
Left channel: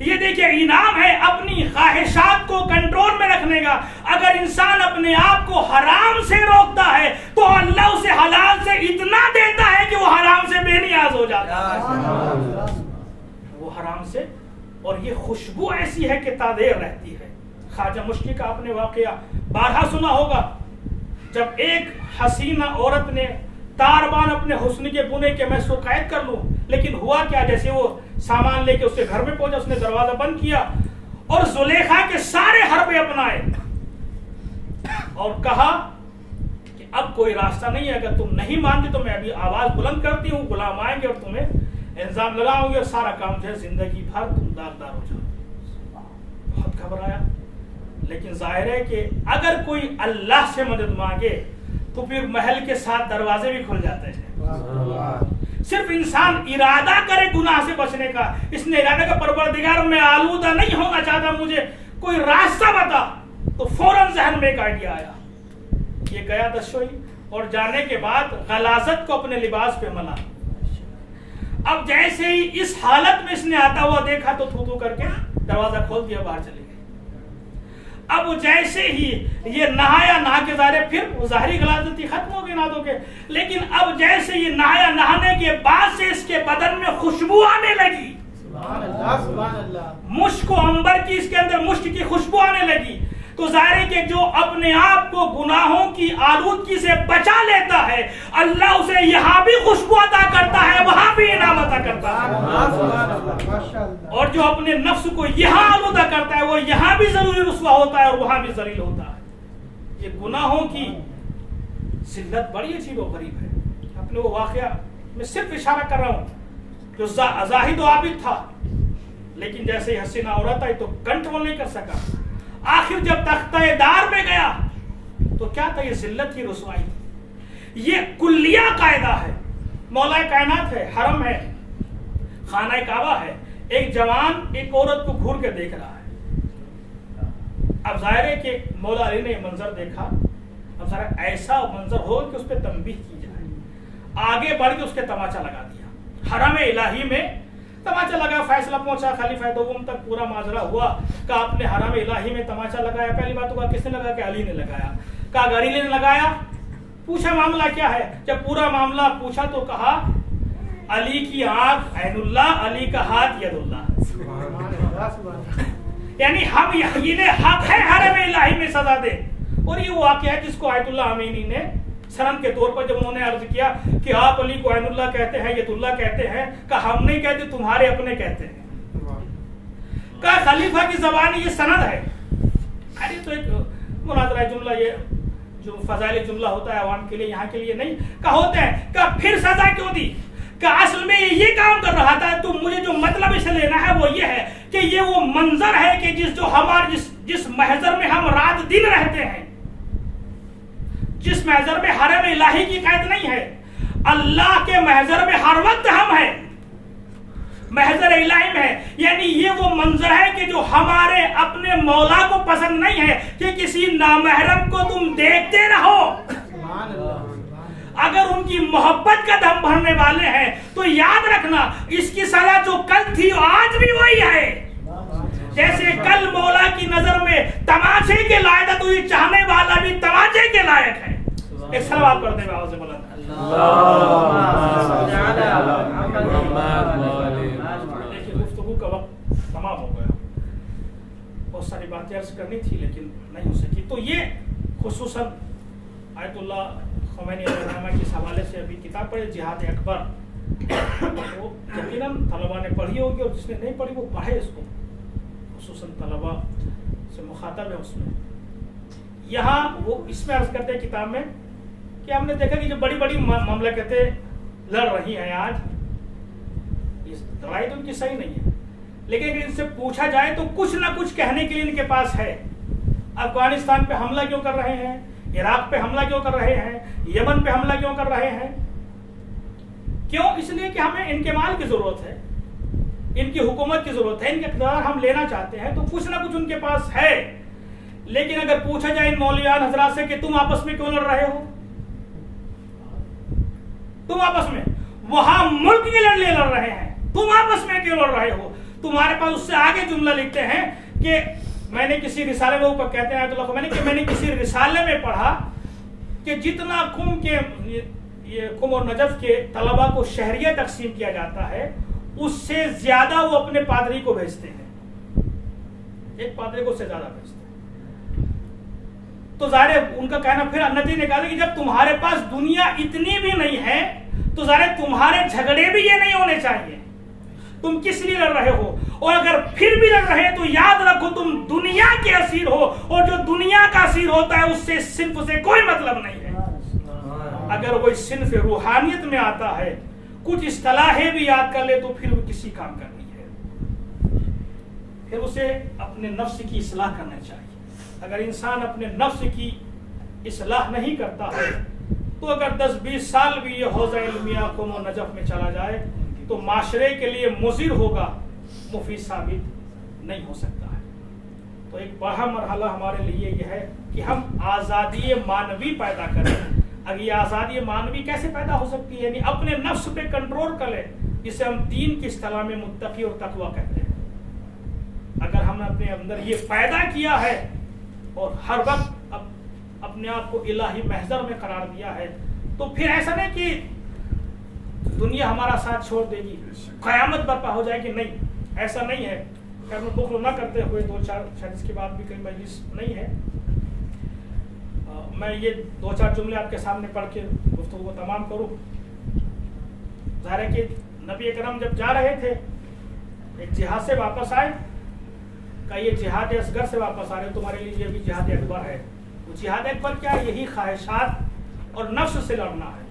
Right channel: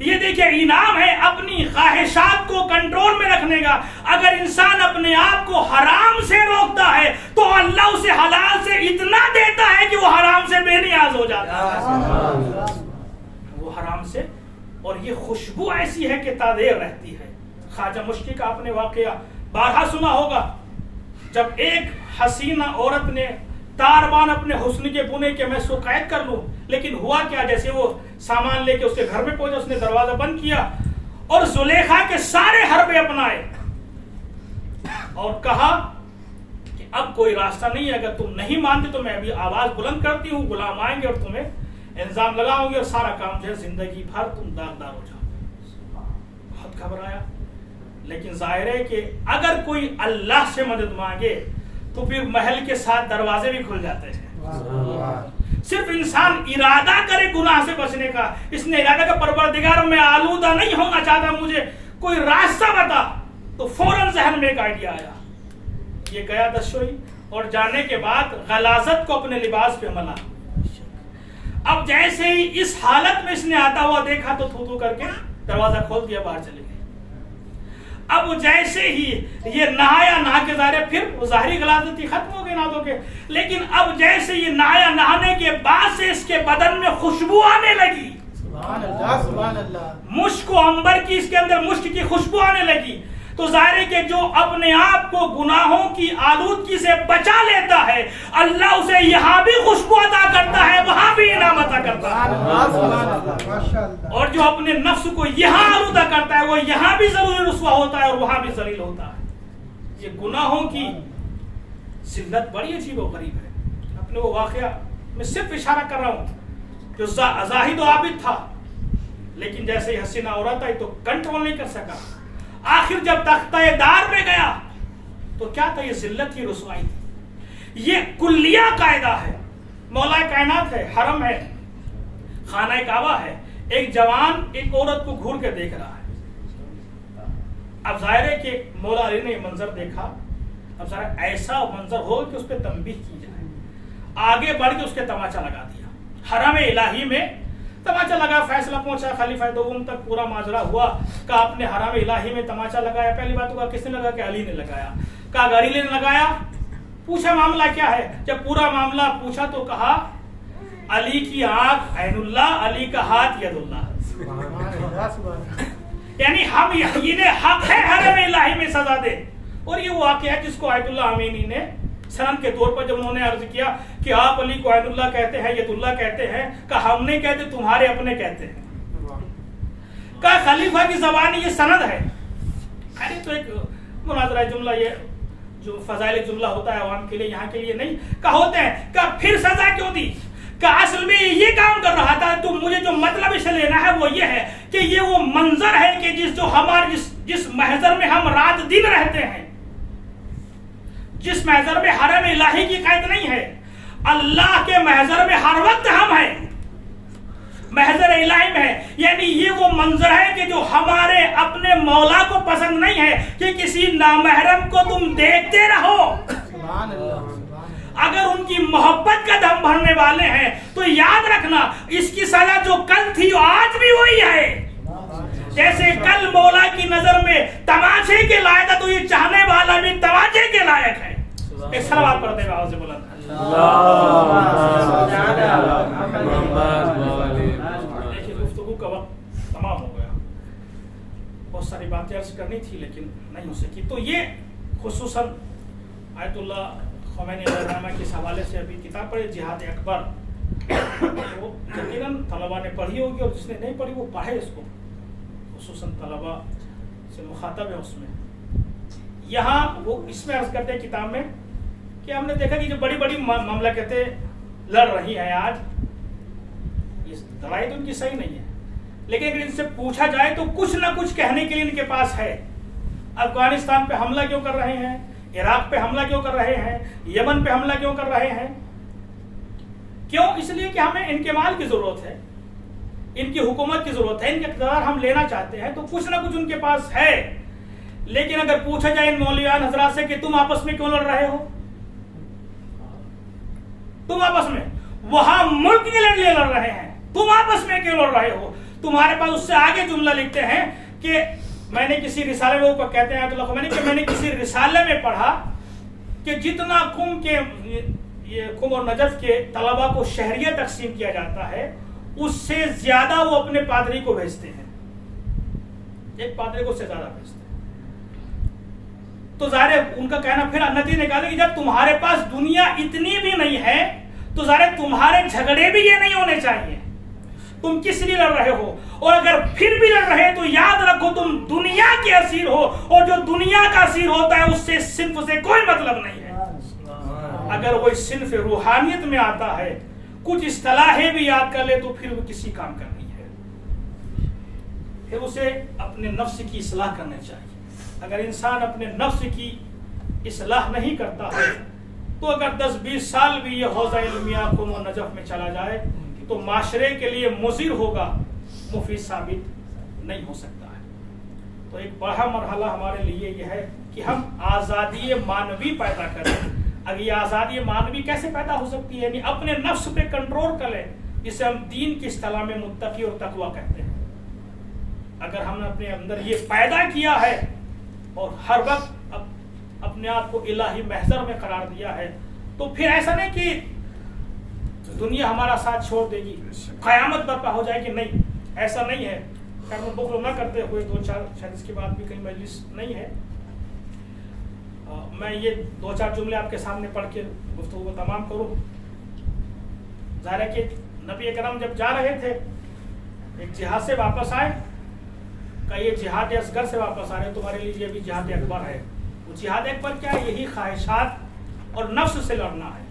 یہ دیکھیں انعام ہے اپنی خواہشات کو کنٹرول میں رکھنے کا. اگر انسان اپنے آپ کو حرام سے روکتا ہے تو اللہ اسے حلال سے اتنا دیتا ہے کہ وہ حرام سے بے نیاز ہو جاتا ہے. وہ حرام سے, اور یہ خوشبو ایسی ہے کہ تادیر رہتی ہے. خواجہ مشکی کا آپ نے واقعہ بارہا سنا ہوگا. جب ایک حسینہ عورت نے تاربان اپنے حسن کے بنے کہ میں اس کو قید کر لوں, لیکن ہوا کیا, جیسے وہ سامان لے کے اس کے گھر میں پہنچا, اس نے دروازہ بند کیا اور زلیخا کے سارے حربے اپنائے اور کہا کہ اب کوئی راستہ نہیں ہے, اگر تم نہیں مانتے تو میں ابھی آواز بلند کرتی ہوں, غلام آئیں گے اور تمہیں الزام لگاؤں گے اور سارا کام جو ہے زندگی بھر تم داغدار ہو جاؤ. بہت گھبرایا, لیکن ظاہر ہے کہ اگر کوئی اللہ سے مدد مانگے تو پھر محل کے ساتھ دروازے بھی کھل جاتے ہیں. صرف انسان ارادہ کرے گناہ سے بچنے کا. اس نے ارادہ کا پروردگار میں آلودہ نہیں ہونا چاہتا, مجھے کوئی راستہ بتا, تو فوراً ذہن میں ایک آئیڈیا آیا. یہ گیا دشوئی اور جانے کے بعد غلاظت کو اپنے لباس پہ ملا. اب جیسے ہی اس حالت میں اس نے آتا ہوا دیکھا تو تھو کر کے دروازہ کھول دیا, باہر چلے گئے. اب جیسے ہی یہ نہایا, نہا کے پھر ظاہری غلاظت ختم ہو گئی نادوں کے, لیکن اب جیسے یہ نہایا, نہانے کے بعد سے اس کے بدن میں خوشبو آنے لگی. سبحان اللہ. مشک و عنبر کی اس کے اندر مشک کی خوشبو آنے لگی. تو ظاہر ہے کہ جو اپنے آپ کو گناہوں کی آلودگی سے بچا لیتا ہے اللہ اسے یہاں بھی خوشبو عطا کرتا ہے, وہاں بھی انعام عطا کرتا ہے. اور جو اپنے نفس کو یہاں آلودہ کرتا ہے وہ یہاں بھی ضروری رسوا ہوتا ہے اور وہاں بھی ذلیل ہوتا ہے. یہ گناہوں کی ذلت بڑی عجیب و غریب ہے. اپنے وہ واقعہ میں صرف اشارہ کر رہا ہوں جو زاہد و عابد تھا, لیکن جیسے ہی حسینہ عورت آئی تو کنٹرول نہیں کر سکا. آخر جب تختہ دار میں گیا تو کیا تھا, یہ ذلت کی رسوائی تھی. یہ کلیہ قاعدہ ہے, مولا کائنات ہے, حرم ہے, خانہ کعبہ ہے, ایک جوان ایک عورت کو گھور کے دیکھ رہا ہے. اب ظاہر ہے کہ مولا علی نے یہ منظر دیکھا. اب ذرا ایسا منظر ہو کہ اس پہ تنبیہ کی جائے, آگے بڑھ کے اس کے تماچا لگا دیا. حرم الہی میں تماچا لگا, فیصلہ پہنچا خلیفہ دوم تک, پورا ماجرا ہوا. کہا آپ نے حرم الہی میں تماچا لگایا, پہلی بات تو کس نے لگا, کہ علی نے لگایا. کہا علی نے لگایا, پوچھا معاملہ کیا ہے. جب پورا معاملہ پوچھا تو کہا علی کی آنکھ عین اللہ, علی کا ہاتھ ید اللہ. یعنی ہم انہیں حق ہے حرم الہی میں سزا دے. اور یہ واقعہ ہے جس کو آیت اللہ امینی نے سند کے طور پر جب انہوں نے عرض کیا کہ آپ علی کو عین اللہ کہتے ہیں, یت اللہ کہتے ہیں, کہا ہم نہیں کہتے, تمہارے اپنے کہتے ہیں. کہا خلیفہ کی زبان یہ سند ہے. ارے تو ایک مناظرہ جملہ, یہ جو فضائل جملہ ہوتا ہے عوام کے لیے, یہاں کے لیے نہیں. کہا ہوتے ہیں, کہا پھر سزا کیوں دی؟ کہ اصل میں یہ کام کر رہا تھا. تو مجھے جو مطلب اسے لینا ہے وہ یہ ہے کہ یہ وہ منظر ہے کہ جس محضر میں ہم رات دن رہتے ہیں, جس محضر میں حرم الہی کی قید نہیں ہے, اللہ کے محضر میں ہر وقت ہم ہیں, محضر الہی میں ہے. یعنی یہ وہ منظر ہے کہ جو ہمارے اپنے مولا کو پسند نہیں ہے کہ کسی نامحرم کو تم دیکھتے رہو. اگر ان کی محبت کا دم بھرنے والے ہیں تو یاد رکھنا اس کی سزا جو کل تھی آج بھی وہی ہے. جیسے کل مولا کی نظر میں تماشے کے لائق تھا تو یہ چاہنے والا بھی تماشے کے لائق ہے. ایک صلوات پڑھتے ہیں آواز بلند. دیکھیے گفتگو کا وقت تمام ہو گیا, بہت ساری باتیں عرض کرنی تھی لیکن نہیں ہو سکی. تو یہ خصوصاً آیت اللہ خمینی علیہ الرحمہ کے حوالے سے ابھی کتاب پڑھی جہاد اکبر, وہ یقیناً طلباء نے پڑھی ہوگی اور جس نے نہیں پڑھی وہ پڑھے اس کو, خصوصاً طلباء سے مخاطب ہے اس میں. یہاں وہ اس میں عرض کرتے ہیں کتاب میں کہ ہم نے دیکھا کہ جو بڑی بڑی مملکتیں لڑ رہی ہیں آج, لڑائی تو ان کی صحیح نہیں ہے, لیکن اگر ان سے پوچھا جائے تو کچھ نہ کچھ کہنے کے لیے ان کے پاس ہے. افغانستان پہ حملہ کیوں کر رہے ہیں, عراق پہ حملہ کیوں کر رہے ہیں, یمن پہ حملہ کیوں کر رہے ہیں, کیوں؟ اس لیے کہ ہمیں ان کے مال کی ضرورت ہے, ان کی حکومت کی ضرورت ہے, ان کے اقتدار ہم لینا چاہتے ہیں, تو کچھ نہ کچھ ان کے پاس ہے. لیکن اگر پوچھا جائے ان مولیان حضرات سے کہ تم آپس میں کیوں لڑ رہے ہو, تم آپس میں, وہاں ملک کے لیے لڑ رہے ہیں, تم آپس میں کیوں لڑ رہے ہو, تمہارے پاس اس سے آگے جملہ لکھتے ہیں کہ میں نے کسی رسالے میں, وہ کہتے ہیں آیت اللہ خمینی کہ میں نے کسی رسالے میں پڑھا کہ جتنا قم اور نجف کے طلباء کو شہریہ تقسیم کیا جاتا ہے اس سے زیادہ وہ اپنے پادری کو بھیجتے ہیں, ایک پادری کو اس سے زیادہ بھیجتے ہیں. تو ظاہر ان کا کہنا پھر نتیجہ نکالے کہ جب تمہارے پاس دنیا اتنی بھی نہیں ہے تو ظاہر تمہارے جھگڑے بھی یہ نہیں ہونے چاہیے, تم کس لیے لڑ رہے ہو, اور اگر پھر بھی لڑ رہے ہیں تو یاد رکھو تم دنیا کے اسیر ہو, اور جو دنیا کا اسیر ہوتا ہے اس سے صنف سے کوئی مطلب نہیں ہے. اگر وہ صنف روحانیت میں آتا ہے, کچھ اصطلاحیں بھی یاد کر لے تو پھر وہ کسی کام کا نہیں ہے. پھر اسے اپنے نفس کی اصلاح کرنا چاہیے. اگر انسان اپنے نفس کی اصلاح نہیں کرتا ہے تو اگر 10-20 سال بھی یہ حوزہ علمیہ قم و نجف میں چلا جائے تو معاشرے کے لیے مضر ہوگا, مفید ثابت نہیں ہو سکتا ہے. تو ایک بڑا مرحلہ ہمارے لیے یہ ہے کہ ہم آزادی معنوی پیدا کریں. اگر یہ آزادی معنوی کیسے پیدا ہو سکتی ہے, یعنی اپنے نفس پہ کنٹرول کر لیں, جسے ہم دین کی اصطلاح میں متقی اور تقوی کہتے ہیں. اگر ہم نے اپنے اندر یہ پیدا کیا ہے اور ہر وقت اپنے آپ کو الہی محضر میں قرار دیا ہے تو پھر ایسا نہیں کہ دنیا ہمارا ساتھ چھوڑ دے گی, قیامت برپا ہو جائے گی, نہیں, ایسا نہیں ہے. خیر میں بخل نہ کرتے ہوئے 2-4 شاید اس کے بعد بھی کہیں مجلس نہیں ہے, میں یہ 2-4 جملے آپ کے سامنے پڑھ کے گفتگو کو تمام کروں. ظاہر ہے کہ نبی اکرم جب جا رہے تھے ایک جہاد سے واپس آئے, کہ یہ جہاد اصغر سے واپس آ رہے تمہارے لیے یہ بھی جہاد اکبر ہے. وہ جہاد اکبر کیا ہے, یہی خواہشات اور نفس سے لڑنا ہے.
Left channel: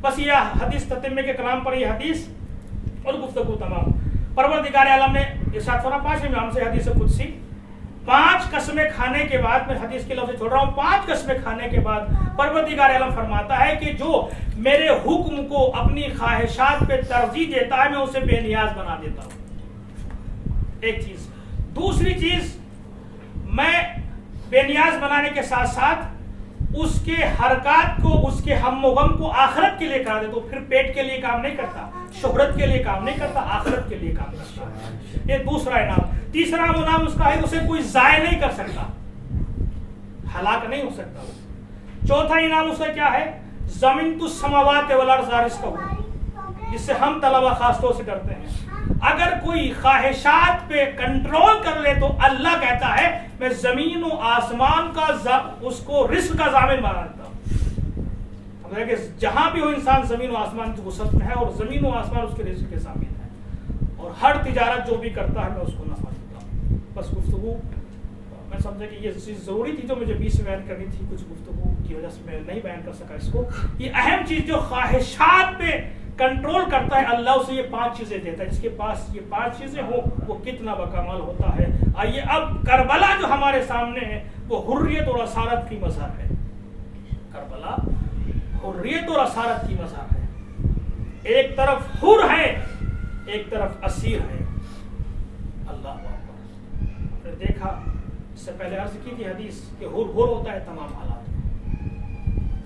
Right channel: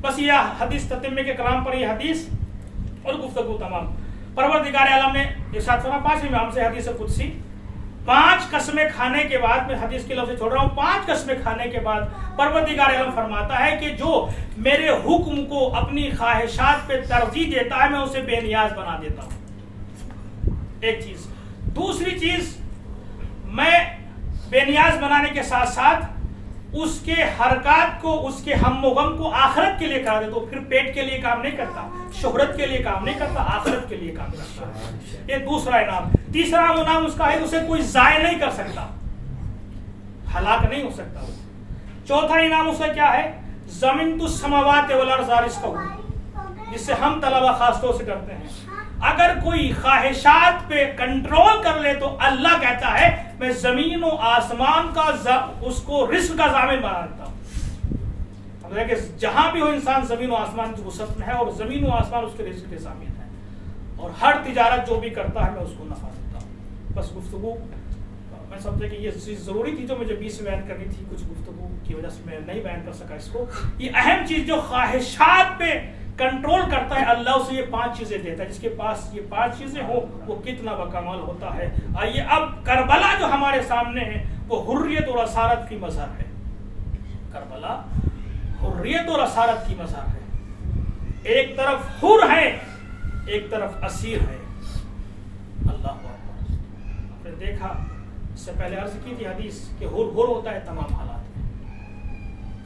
بس یہ حدیث تتمے کے کلام پر یہ حدیث اور گفتگو تمام. پروردگار عالم نے ارشاد فرمایا 5 امام سے حدیث قدسی, 5 قسمیں کھانے کے بعد, میں حدیث کے لفظ چھوڑ رہا ہوں, 5 قسمیں کھانے کے بعد پروردگار عالم فرماتا ہے کہ جو میرے حکم کو اپنی خواہشات پہ ترجیح دیتا ہے میں اسے بے نیاز بنا دیتا ہوں. ایک چیز. دوسری چیز, میں بے نیاز بنانے کے ساتھ ساتھ اس کے حرکات کو, اس کے ہم و غم کو آخرت کے لیے کرا دے. تو پھر پیٹ کے لیے کام نہیں کرتا, شہرت کے لیے کام نہیں کرتا, آخرت کے لیے کام کرتا ہے. یہ دوسرا انعام. تیسرا انعام اس کا ہے اسے کوئی ضائع نہیں کر سکتا, ہلاک نہیں ہو سکتا. چوتھا انعام اس کا کیا ہے, زمین تو السماوات والارض رزقہ, جس سے ہم طلبہ خاص طور سے کرتے ہیں. اگر کوئی خواہشات پہ کنٹرول کر لے تو اللہ کہتا ہے میں زمین و آسمان کا اس کو رزق کا ضامن بنا دیتا ہوں. کہ جہاں بھی ہو انسان زمین و آسمان کی وسعت میں ہے اور زمین و آسمان اس کے رزق کے ضامن ہے, اور ہر تجارت جو بھی کرتا ہے میں اس کو نفع دیتا ہوں. بس گفتگو میں سمجھا کہ یہ چیز ضروری تھی جو مجھے بیچ میں بیان کرنی تھی, کچھ گفتگو کی وجہ سے میں نہیں بیان کر سکا اس کو. یہ اہم چیز جو خواہشات پہ کنٹرول کرتا ہے اللہ اسے یہ 5 چیزیں دیتا ہے. جس کے پاس یہ 5 چیزیں ہوں وہ کتنا بکمال ہوتا ہے. آئیے اب کربلا جو ہمارے سامنے ہے وہ حریت اور اسارت کی مظہر ہے. کربلا حریت اور اسارت کی مظہر ہے. ایک طرف حر ہے, ایک طرف اسیر ہے. اللہ اکبر. آپ نے دیکھا اس سے پہلے عرض کی تھی حدیث کہ حر ہوتا ہے تمام حالات میں.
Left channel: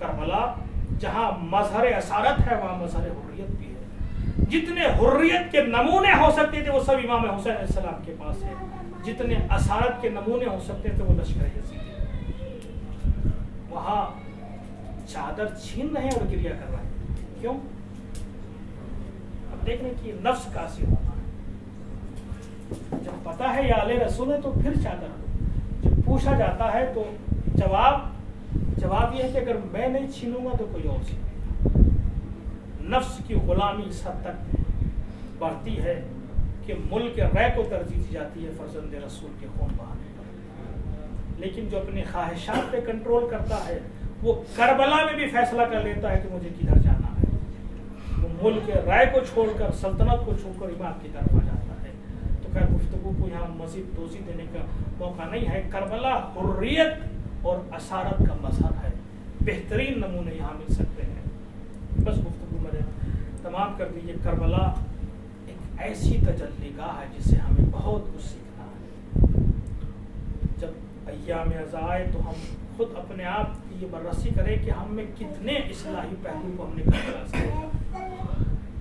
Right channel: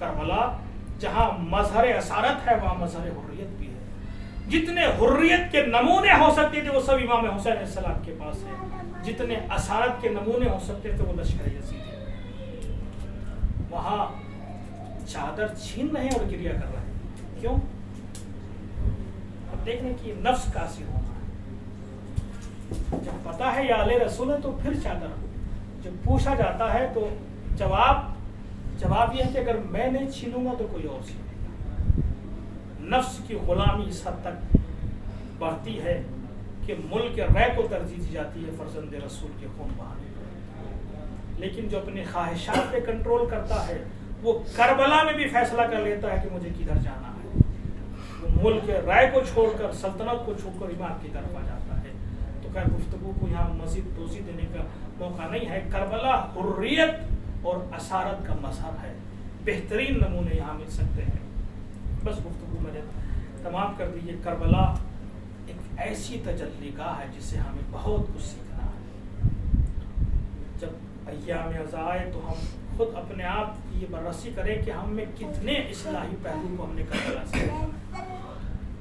کربلا جہاں مظہر اسارت ہے وہاں مظہر حریت بھی ہے. جتنے حریت کے نمونے ہو سکتے تھے وہ سب امام حسین علیہ السلام کے پاس ہے. جتنے اسارت کے نمونے ہو سکتے تھے وہ لشکر یزید ہے. وہاں چادر چھین رہے ہیں اور گریا کر رہے ہیں. کیوں؟ اب دیکھنے کی نفس کا اثر ہونا ہے. جب پتا ہے یا آل رسول ہے تو پھر چادر. جب پوچھا جاتا ہے تو جواب یہ ہے کہ اگر میں نہیں چھینوں گا تو کوئی اور چھینے گا. نفس کی غلامی اس حد تک بڑھتی ہے کہ ملک رے کو ترجیح دی جاتی ہے فرزند رسول کے خون بہانے پر. لیکن جو اپنے خواہشات پہ کنٹرول کرتا ہے وہ کربلا میں بھی فیصلہ کر لیتا ہے کہ مجھے کدھر جانا ہے. وہ ملک رے کو چھوڑ کر سلطنت کو چھوڑ کر امام کی طرف آ جاتا ہے. تو خیر گفتگو کو یہاں مزید توضیح دینے کا موقع نہیں ہے. کربلا حریت اور اسارت کا مظہر ہے. بہترین نمونے یہاں مل سکتے ہیں. بس گفتگو میں نے تمام کر دی. یہ کربلا ایک ایسی تجلی گاہ ہے جس سے ہمیں بہت کچھ سیکھنا ہے. جب ایام عزا آئے تو ہم خود اپنے آپ کی یہ بررسی کریں کہ ہم میں کتنے اصلاحی پہلو کو ہم نے کربلا سے لیا ہے.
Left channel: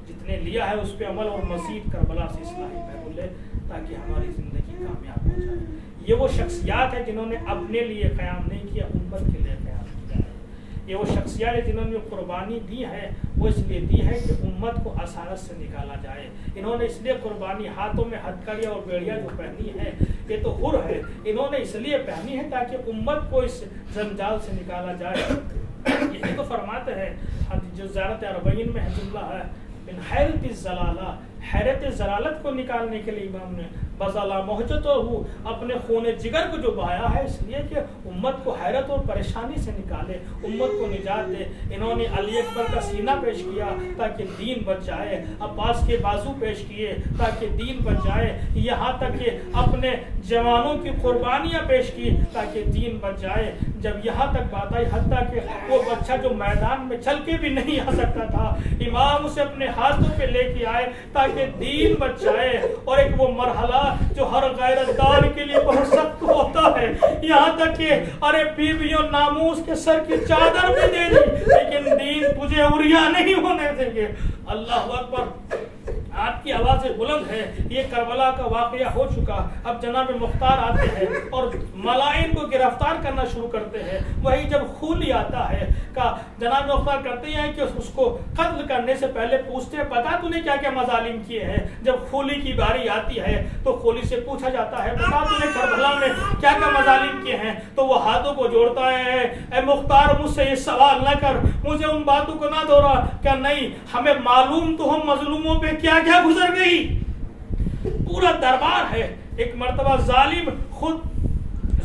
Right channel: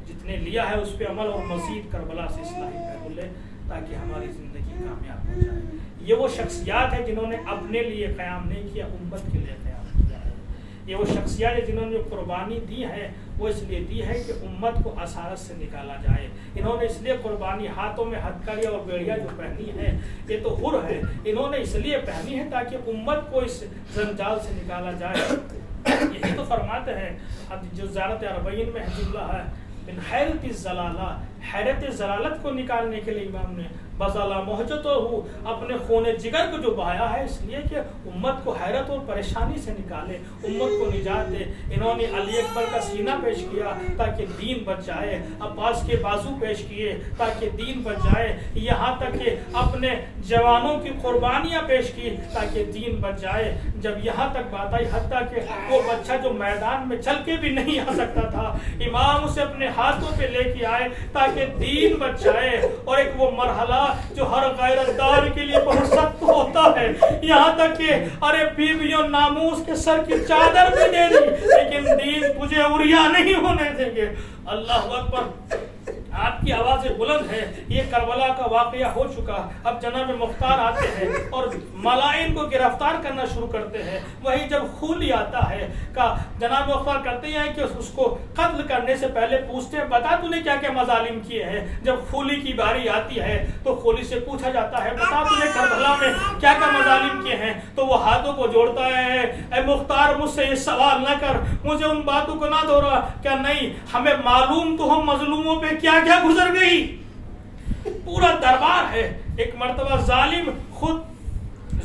جتنے لیا ہے اس پہ عمل اور مزید کربلا سے اصلاحی پہلو لے تاکہ ہماری زندگی کامیاب ہو جائے. یہ وہ شخصیات ہیں جنہوں نے اپنے لیے قیام نہیں کیا, امت کے لیے قیام کیا ہے. یہ وہ شخصیات ہیں جنہوں نے جو قربانی دی ہے وہ اس لیے دی ہے کہ امت کو اسارت سے نکالا جائے. انہوں نے اس لیے قربانی ہاتھوں میں ہتھکڑیاں اور بیڑیاں جو پہنی ہے یہ تو حر ہے, انہوں نے اس لیے پہنی ہے تاکہ امت کو اس زنجال سے نکالا جائے. یہی تو فرماتے ہیں جو زیارت اربعین میں ہے جملہ ہے من حیرت الزلالہ, حیرت ضلالت کو نکالنے کے لیے امام نے بزالہ محجت ہو اپنے خون جگر کو جو بہایا ہے اس لیے کہ امت کو حیرت اور پریشانی سے نکالے, امت کو نجات دے. انہوں نے علی اکبر کا سینہ پیش کیا تاکہ دین بچ جائے, عباس کے بازو پیش کیے تاکہ دین بچ جائے, یہاں تک کہ اپنے جوانوں کی قربانیاں پیش کی تاکہ دین بچ جائے. جب یہاں تک بات آئی حتیٰ کہ وہ بچہ جو میدان میں چل کے بھی نہیں آ سکتا تھا امام اسے اپنے ہاتھوں پہ لے کے آئے تاکہ دین بچ جائے. اور ایک وہ مرحلہ جو ہر غیرت دار کے لیے بہت سخت ہوتا ہے, یہاں تک کہ ارے بیویوں ناموس کے سر کی چادر بھی دے دی لیکن دین تجھے عریاں نہیں ہونے دیں گے. اللہ اکبر. آپ کی آوازیں بلند ہے. یہ کربلا کا واقعہ ہو چکا. اب جناب مختار آتے ہیں اور ملائن کو گرفتار کرنا شروع کرتے ہیں. وہی جب خولی آتا ہے کا جناب مختار کرتے ہیں کہ اس کو قتل کرنے سے پہلے پوچھتے ہیں بتا تو نے کیا کیا مظالم کیے ہیں. جب خولی کی باری آتی ہے تو خولی سے پوچھا جاتا ہے بتا تو نے کربلا میں کیا کیا مظالم کیے ہیں. تو وہ ہاتھوں کو جوڑتا ہے اے مختار مجھ سے یہ سوال نہ کر, مجھے ان باتوں کو نہ دہرا. کیا نہیں ہمیں معلوم تو ہم مظلوموں پہ کیا کیا گزر گئی. پورا دربار ہے. ایک مرتبہ ظالم خود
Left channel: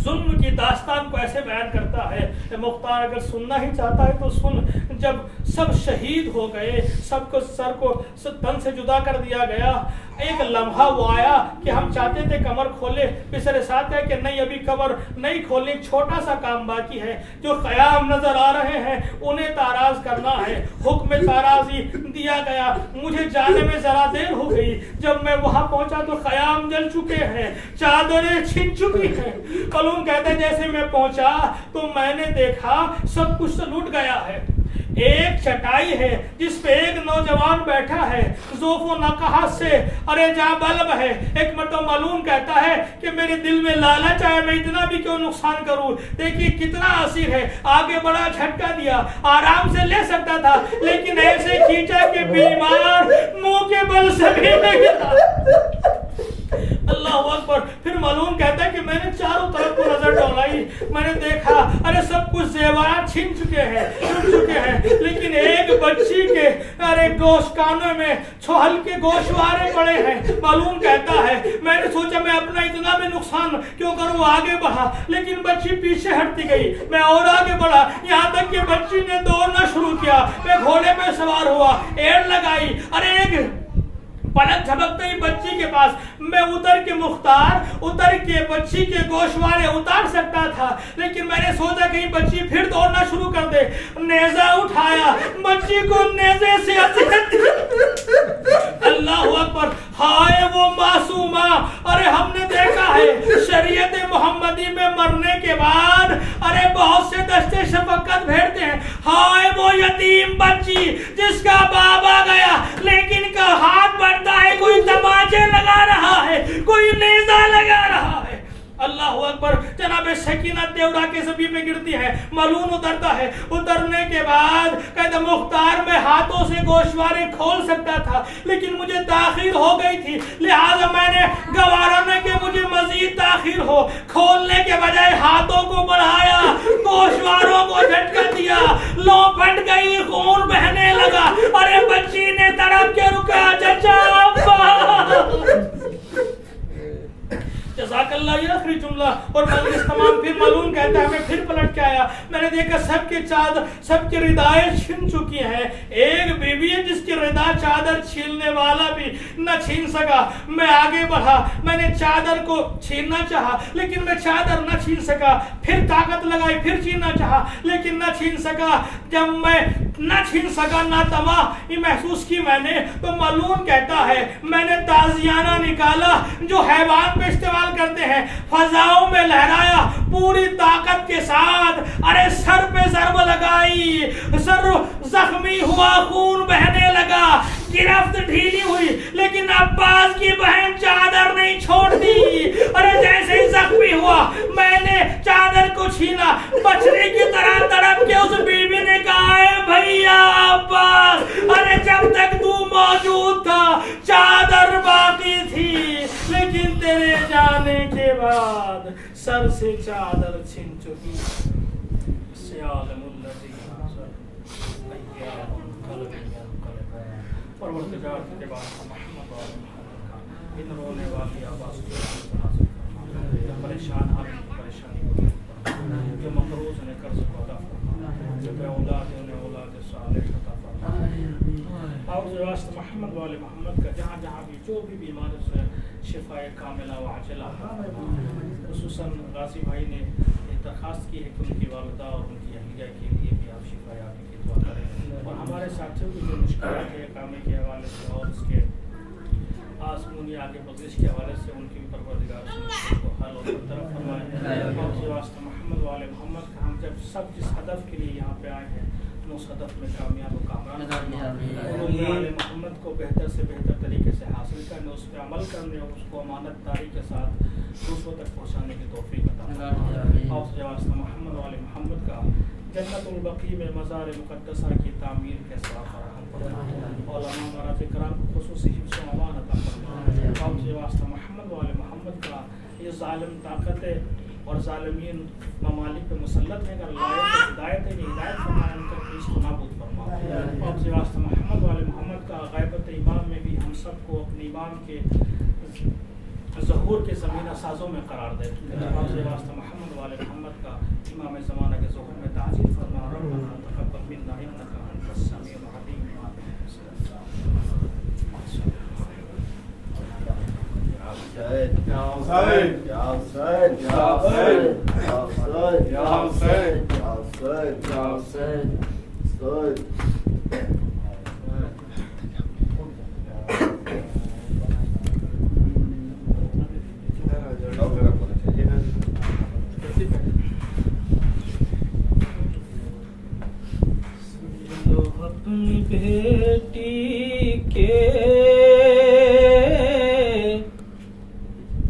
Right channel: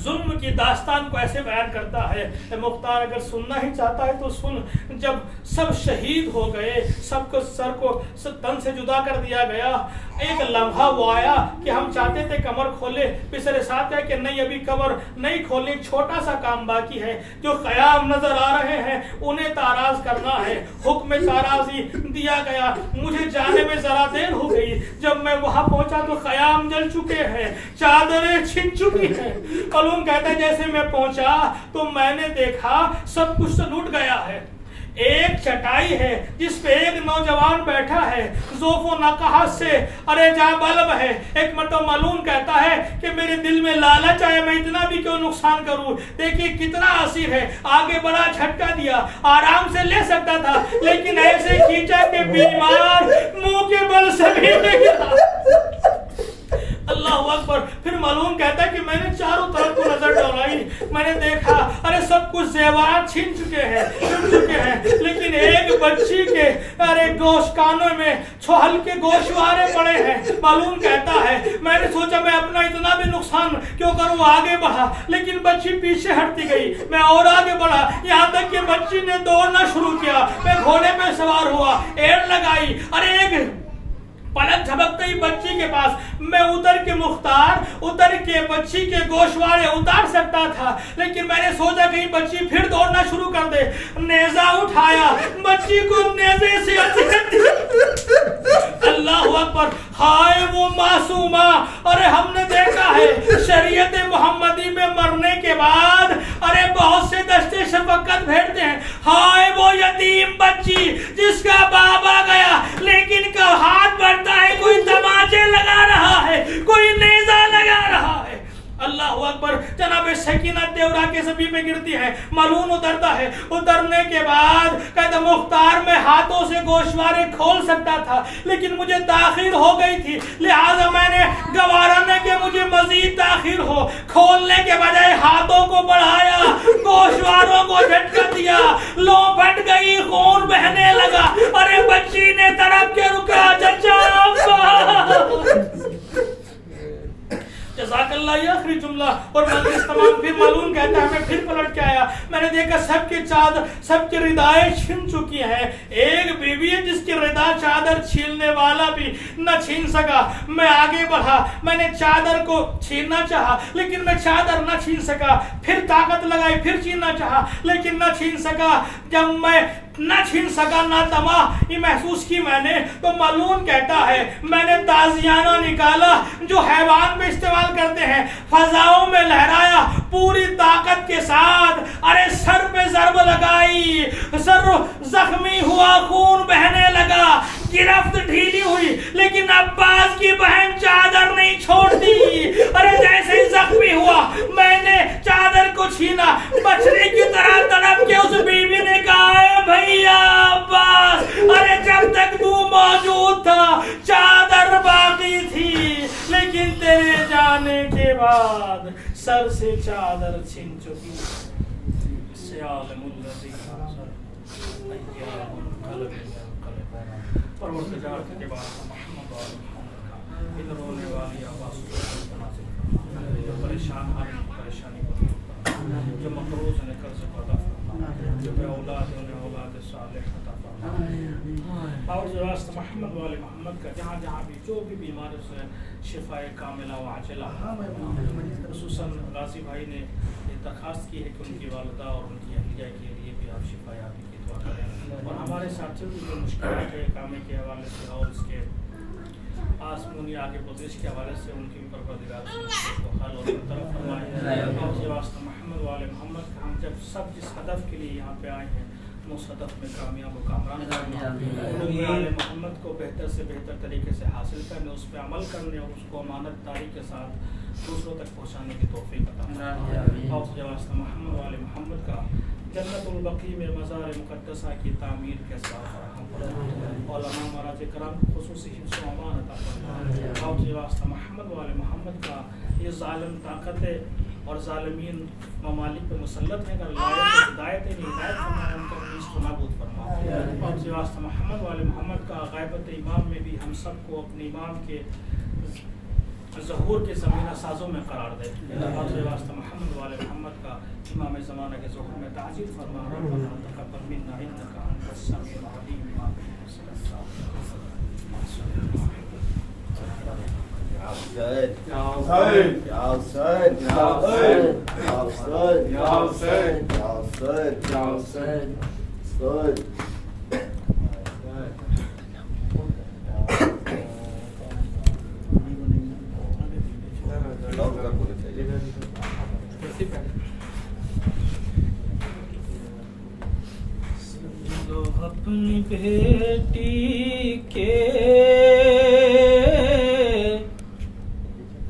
ظلم کی داستان کو ایسے بیان کرتا ہے, مختار اگر سننا ہی چاہتا ہے تو سن. جب سب شہید ہو گئے, سب کو سر کو تن سے جدا کر دیا گیا, ایک لمحہ وہ آیا کہ ہم چاہتے تھے کمر کھولے, پھر ساتھ ہے کہ نہیں ابھی کمر نہیں کھولنے, ایک چھوٹا سا کام باقی ہے. جو خیام نظر آ رہے ہیں انہیں تاراز کرنا ہے. حکم تارازی دیا گیا. مجھے جانے میں ذرا دیر ہو گئی. جب میں وہاں پہنچا تو خیام جل چکے ہیں, چادریں چھن چکی ہیں. کلون کہتے ہیں جیسے میں پہنچا تو میں نے دیکھا سب کچھ لوٹ گیا ہے. ایک چٹائی ہے جس پہ ایک نوجوان بیٹھا ہے ذوف و نقاہت سے ارے جا بلب ہے. ایک مرتبہ ملعون کہتا ہے کہ میرے دل میں لالچ آیا میں اتنا بھی کیوں نقصان کروں. دیکھیے کتنا اسیر ہے, آگے بڑا جھٹکا دیا, آرام سے لے سکتا تھا لیکن ایسے کھینچا کہ بیمار منہ کے بل سے بھی لے گیا. اللہ اکبر. پھر ملعون کہتا ہے کہ میں نے چاروں طرف کو نظر ڈولائی, میں نے دیکھا ارے سب کچھ زیورات چھن چکے ہیں لیکن ایک بچی کے ارے گوشت کانوں میں چھوہل کے گوشوارے پڑے ہیں. ملعون کہتا ہے میں نے سوچا میں اپنا اتنا بھی نقصان کیوں کروں, آگے بڑھا لیکن بچی پیچھے ہٹتی گئی. میں اور آگے بڑھا یہاں تک کہ بچی نے دوڑنا شروع کیا. میں گھوڑے پہ سوار ہوا, ایڑ لگائی, ارے ایک پلک جھپکتے ہی بچی کے پاس میں اتر کے بچی کے گوشوارے اتار سکتا تھا لیکن میں نے سوچا کہیں بچی پھر دوڑنا شروع کر دے. نیزہ اٹھایا, بچی کو نیزے سے اذیت دی. اللہ اکبر. ہائے وہ معصومہ. ارے ہم نے دیکھا ہے شریعت محمدی میں مرنے کے بعد ارے بہت سے دشتے شفقت بھیجتے ہیں. ہائے وہ یتیم بچی جس کا باپ آ گیا لیکن کا ہاتھ بڑھتا ہے, کوئی تماچے لگا رہا ہے, کوئی نیزہ لگا رہا ہے. اللہ اکبر. جناب سکینہ دیورا کے زمین پہ گرتی ہے, ملعون اترتا ہے. اترنے کے بعد کہتا مختار میں ہاتھوں سے گوشوارے کھول سکتا تھا لیکن مجھے تاخیر ہو گئی تھی لہٰذا میں نے گوارا نہ کہ مجھے مزید تاخیر ہو, کھولنے کے بجائے ہاتھوں کو بڑھایا, گوشواروں کو جھٹکا دیا, لو پھٹ گئی, خون بہنے لگا. ارے بچی نے تڑپ کے رکا, چچا جزاک اللہ. یہ آخری جملہ اور مجلس تمام. پھر ملعون کہتا ہے میں پھر پلٹ کے آیا, میں نے دیکھا سب کی ردائیں چھن چکی ہیں. ایک بیوی ہے جس کی ردا چادر چھیلنے والا بھی نہ چھین سکا. میں آگے بڑھا, میں نے چادر کو چھیننا چاہا لیکن میں چادر نہ چھین سکا. پھر طاقت لگائی, پھر چھیننا چاہا لیکن نہ چھین سکا. جب میں نہ چھین سکا, نہ تمام یہ محسوس کی میں نے, تو ملعون کہتا ہے میں نے تازیانہ نکالا جو حیوان پہ استعمال کرتے ہیں, فضاؤں میں لہرایا پوری طاقت کے ساتھ. ارے سر پہ ضرب لگائی, سر زخمی ہوا, خون بہنے لگا, گرفت ڈھیلی ہوئی لیکن عباس کی بہن چادر نہیں چھوڑتی. ارے جیسے ہی زخمی ہوا میں نے چادر کو چھینا, بچنے کی طرح تڑپ کے اس بیوی نے کہا اے بھیا عباس, ارے جب تک تو موجود تھا چادر باقی تھی لیکن تیرے جانے کے بعد سر سے چادر چھن چکی. سیالم الذی پروردگار کے بعد محمد و محمد کا ان رونے والی آواز کو نازل فرما, جو پریشان حال کی پریشانی کو دور فرما, جو مقروض نے قرض کو عطا فرما, جو بے اولاد انہیں اولاد صالح عطا فرما. اور جو واسطہ محمد و محمد کا جہاں جہاں بھی جو بھی بیمار سے شفاء کاملہ و عاجلہ عطا فرما. خصوصاً غازی بھائی نے درخواست کی ہے کہ ان کی والدہ اور ان کی اہلیہ کے لیے بھی آپ شفا یابی کی دعا کریں, اور ہمارے ساتھیوں کی جو مشکلات ہے اقامے کے حوالے سے اور اس کے آسمانی آگے گزشت کے حوالے سے ان کی بھی پروردگار سے مشکل کو حل اور برطرف فرمائے. اور جو واسطہ محمد و محمد کا ہم جب سب جس ہدف کے لیے یہاں پہ آئے ہیں اس ہدف میں کامیاب و کامران کرنا, علوم آل محمد کو بہتر سے بہتر طریقے سے حاصل کرنے, اس پہ عمل کرنے اور اس کو امانت داری کے ساتھ دوسروں تک پہنچانے کی توفیق عطا فرمائے. اور جو واسطہ محمد و محمد کا جنت البقیع میں مزار مقدسہ کی تعمیر کے ساتھ فراہم فرما, علماء مراج کرام کو خصوصی حفظ و امان عطا فرما. اور جو واسطہ محمد و محمد کا یہ ظالم طاقتیں اور ظالمین ممالک پہ مسلط ہیں, اگر لائق ہدایت ہے ہدایت فرمائے, ان کا پیش تو نابود فرما. اور جو واسطہ محمد والے محمد کا غیبت امام میں بھی ہم سب کو اپنے امام کے ظہور کے زمینہ سازوں میں قرار دے. اور جو واسطہ محمد والے محمد کا امام زمانہ کے ظہور میں تعجیل فرما. ربنا تقبل منا انک انت السمیع العلیم. لو اپنی بیٹی کے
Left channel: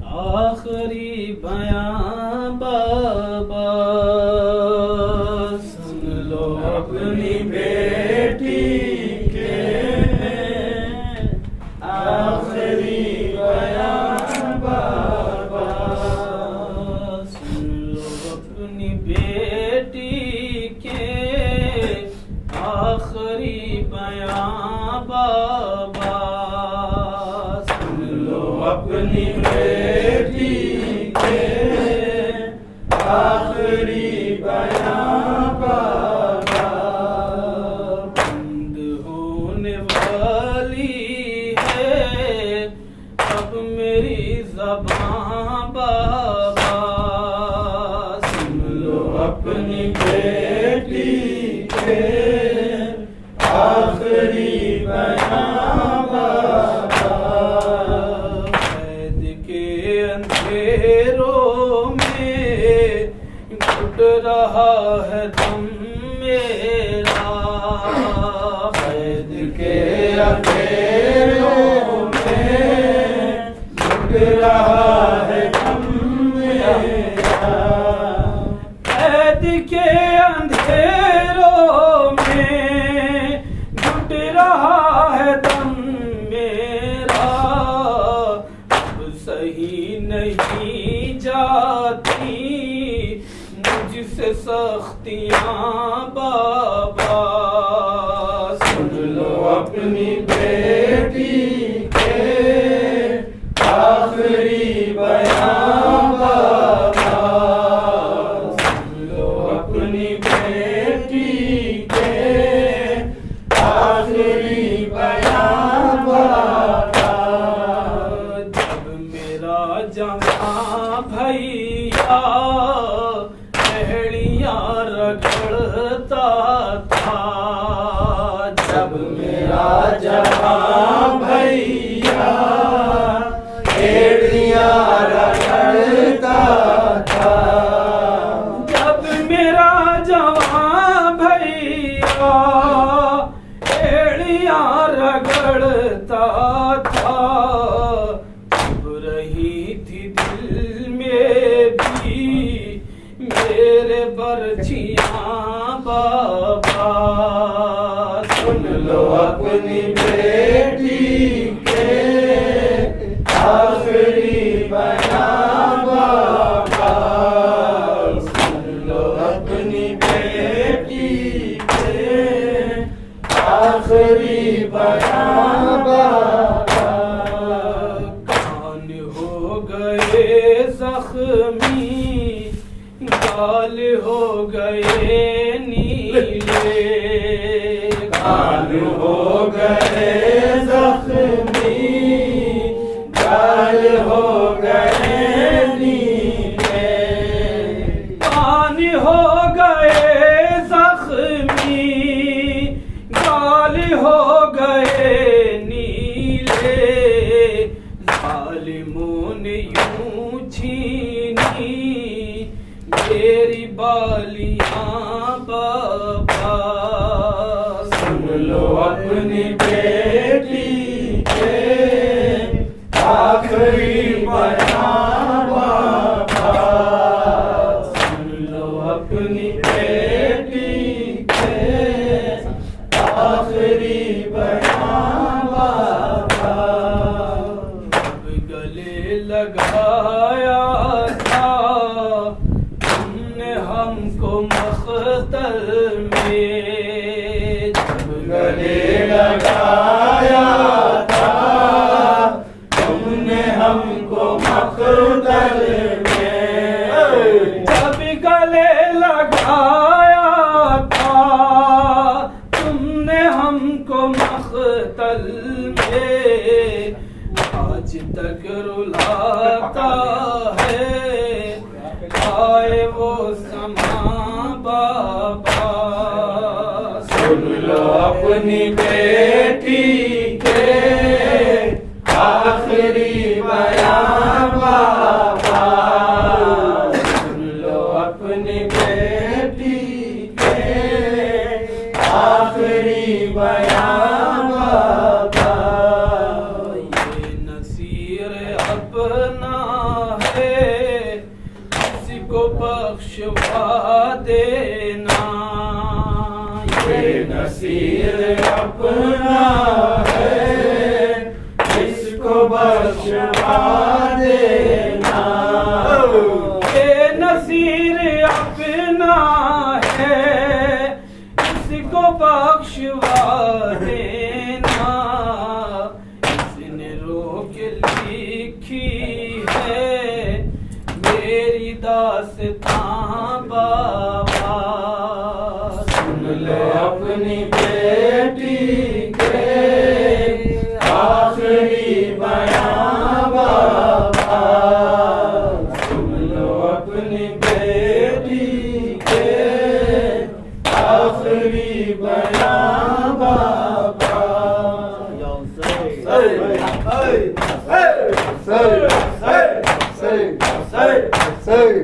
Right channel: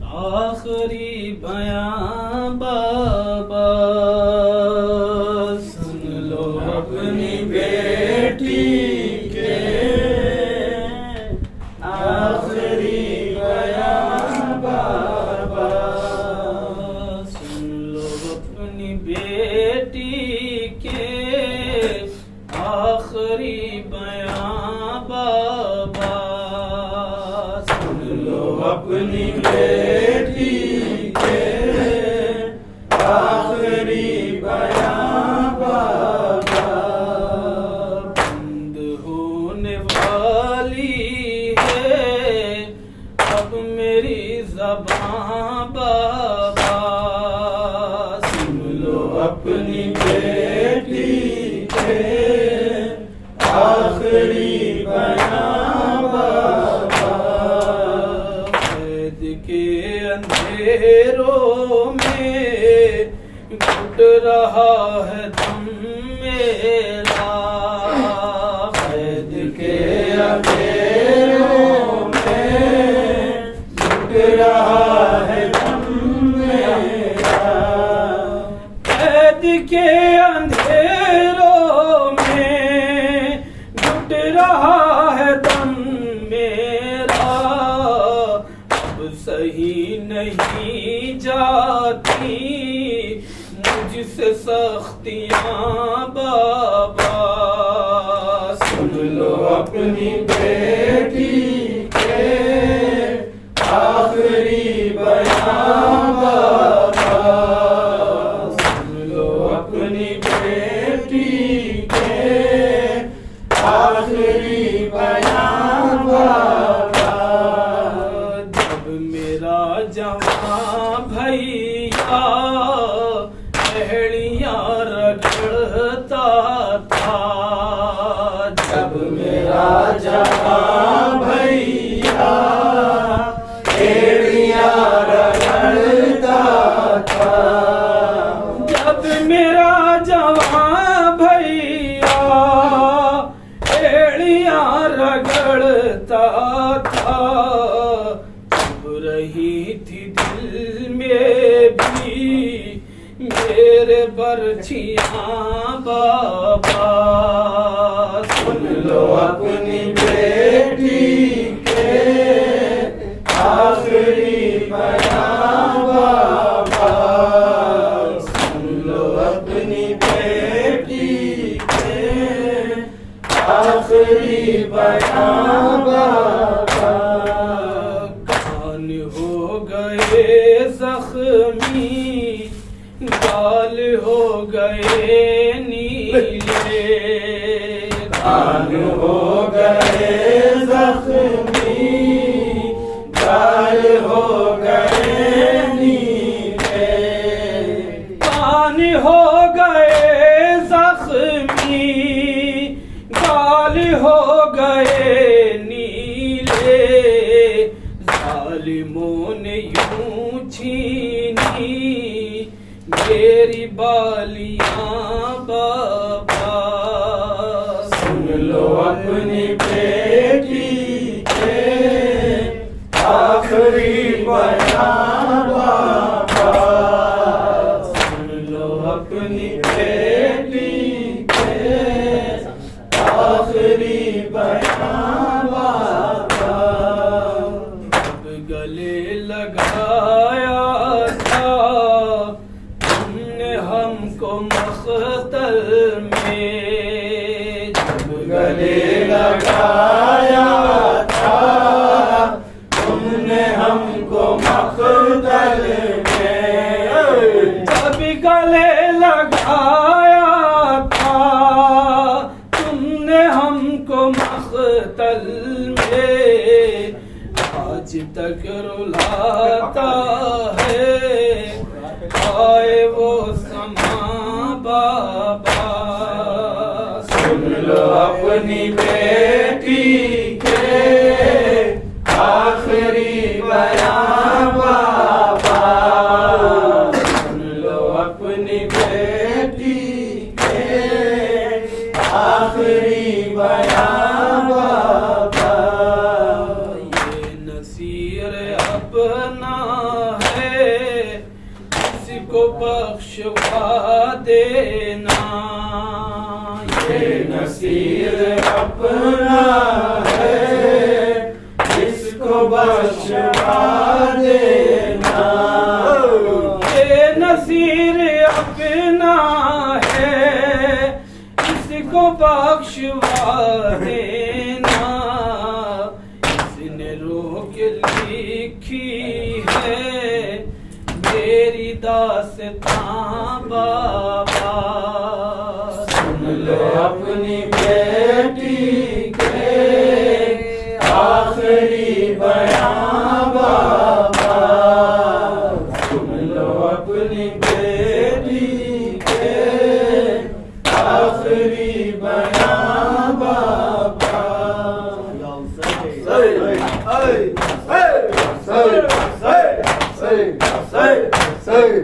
آخری بیاں بابا، سن لو اپنی بیٹی کے آخری بیاں بابا، سن لو اپنی بیٹی کے آخری بیاں بابا، سن لو اپنی بیٹی کے آخری بیاں بابا، بند ہونے والی ہے اب میری زباں بابا، سن لو اپنی بیٹی کے آخری بیاں بابا، قید کے اندھیروں میں گھٹ رہا ہے دم میرا، قید کے اندھیروں میں گھٹ رہا ہے دم میرا، قید کے اندھیروں میں گھٹ رہا ہے دم میرا، اب صحیح نہیں جاتی مجھ سے سختیاں بابا، سن لو اپنی بیٹی کے آخری بیاں بابا، سن لو اپنی بیٹی کے آخری بیاں بابا، جب میرا جوان بھیا ایڑیاں رگڑتا تھا، جب میرا جوان بھیا ایڑیاں رگڑتا تھا، جب میرا جوان بھیا ایڑیاں رگڑتا تھا، چبھ رہی تھی دل میں بھی میرے برچیاں بابا، سن لو اپنی بیٹی کے آخری بیاں بابا، سن لو اپنی بیٹی کے آخری بیاں بابا، کان ہو گئے زخمی، گال ہو گئے نیلے، کان ہو گئے زخمی، گال ہو گئے نیلے، کان ہو گئے زخمی، گال ہو گئے نیلے، ظالموں نے یوں چھینی میری بالیاں بابا، سن لو اپنی بیٹی کے آخری بیاں بابا، سن لو اپنی بیٹی کے آخری بیاں بابا، جب گلے لگایا تھا تم نے ہم کو مقتل میں، جب گلے لگایا تھا تم نے ہم کو مقتل میں، جب گلے لگایا تھا تم نے ہم کو مقتل میں، آج تک رلاتا ہے آئے وہ سما بابا، سن لو اپنی بیٹی کے آخری بیاں بابا، سن لو اپنی بیٹی کے آخری بیان بابا، یہ نصیر اپنا ہے اس کو بخشوا دینا، یہ نصیر اپنا ہے اس کو بخشوا دینا، یہ نصیر اپنا ہے اس کو بخشوا دینا، اس نے روک لکھی ہے میری داستان بابا، سن لو اپنی بیٹی کے آخری بیان بابا، سن لو اپنی بیٹی کے آخری بیان بابا، Say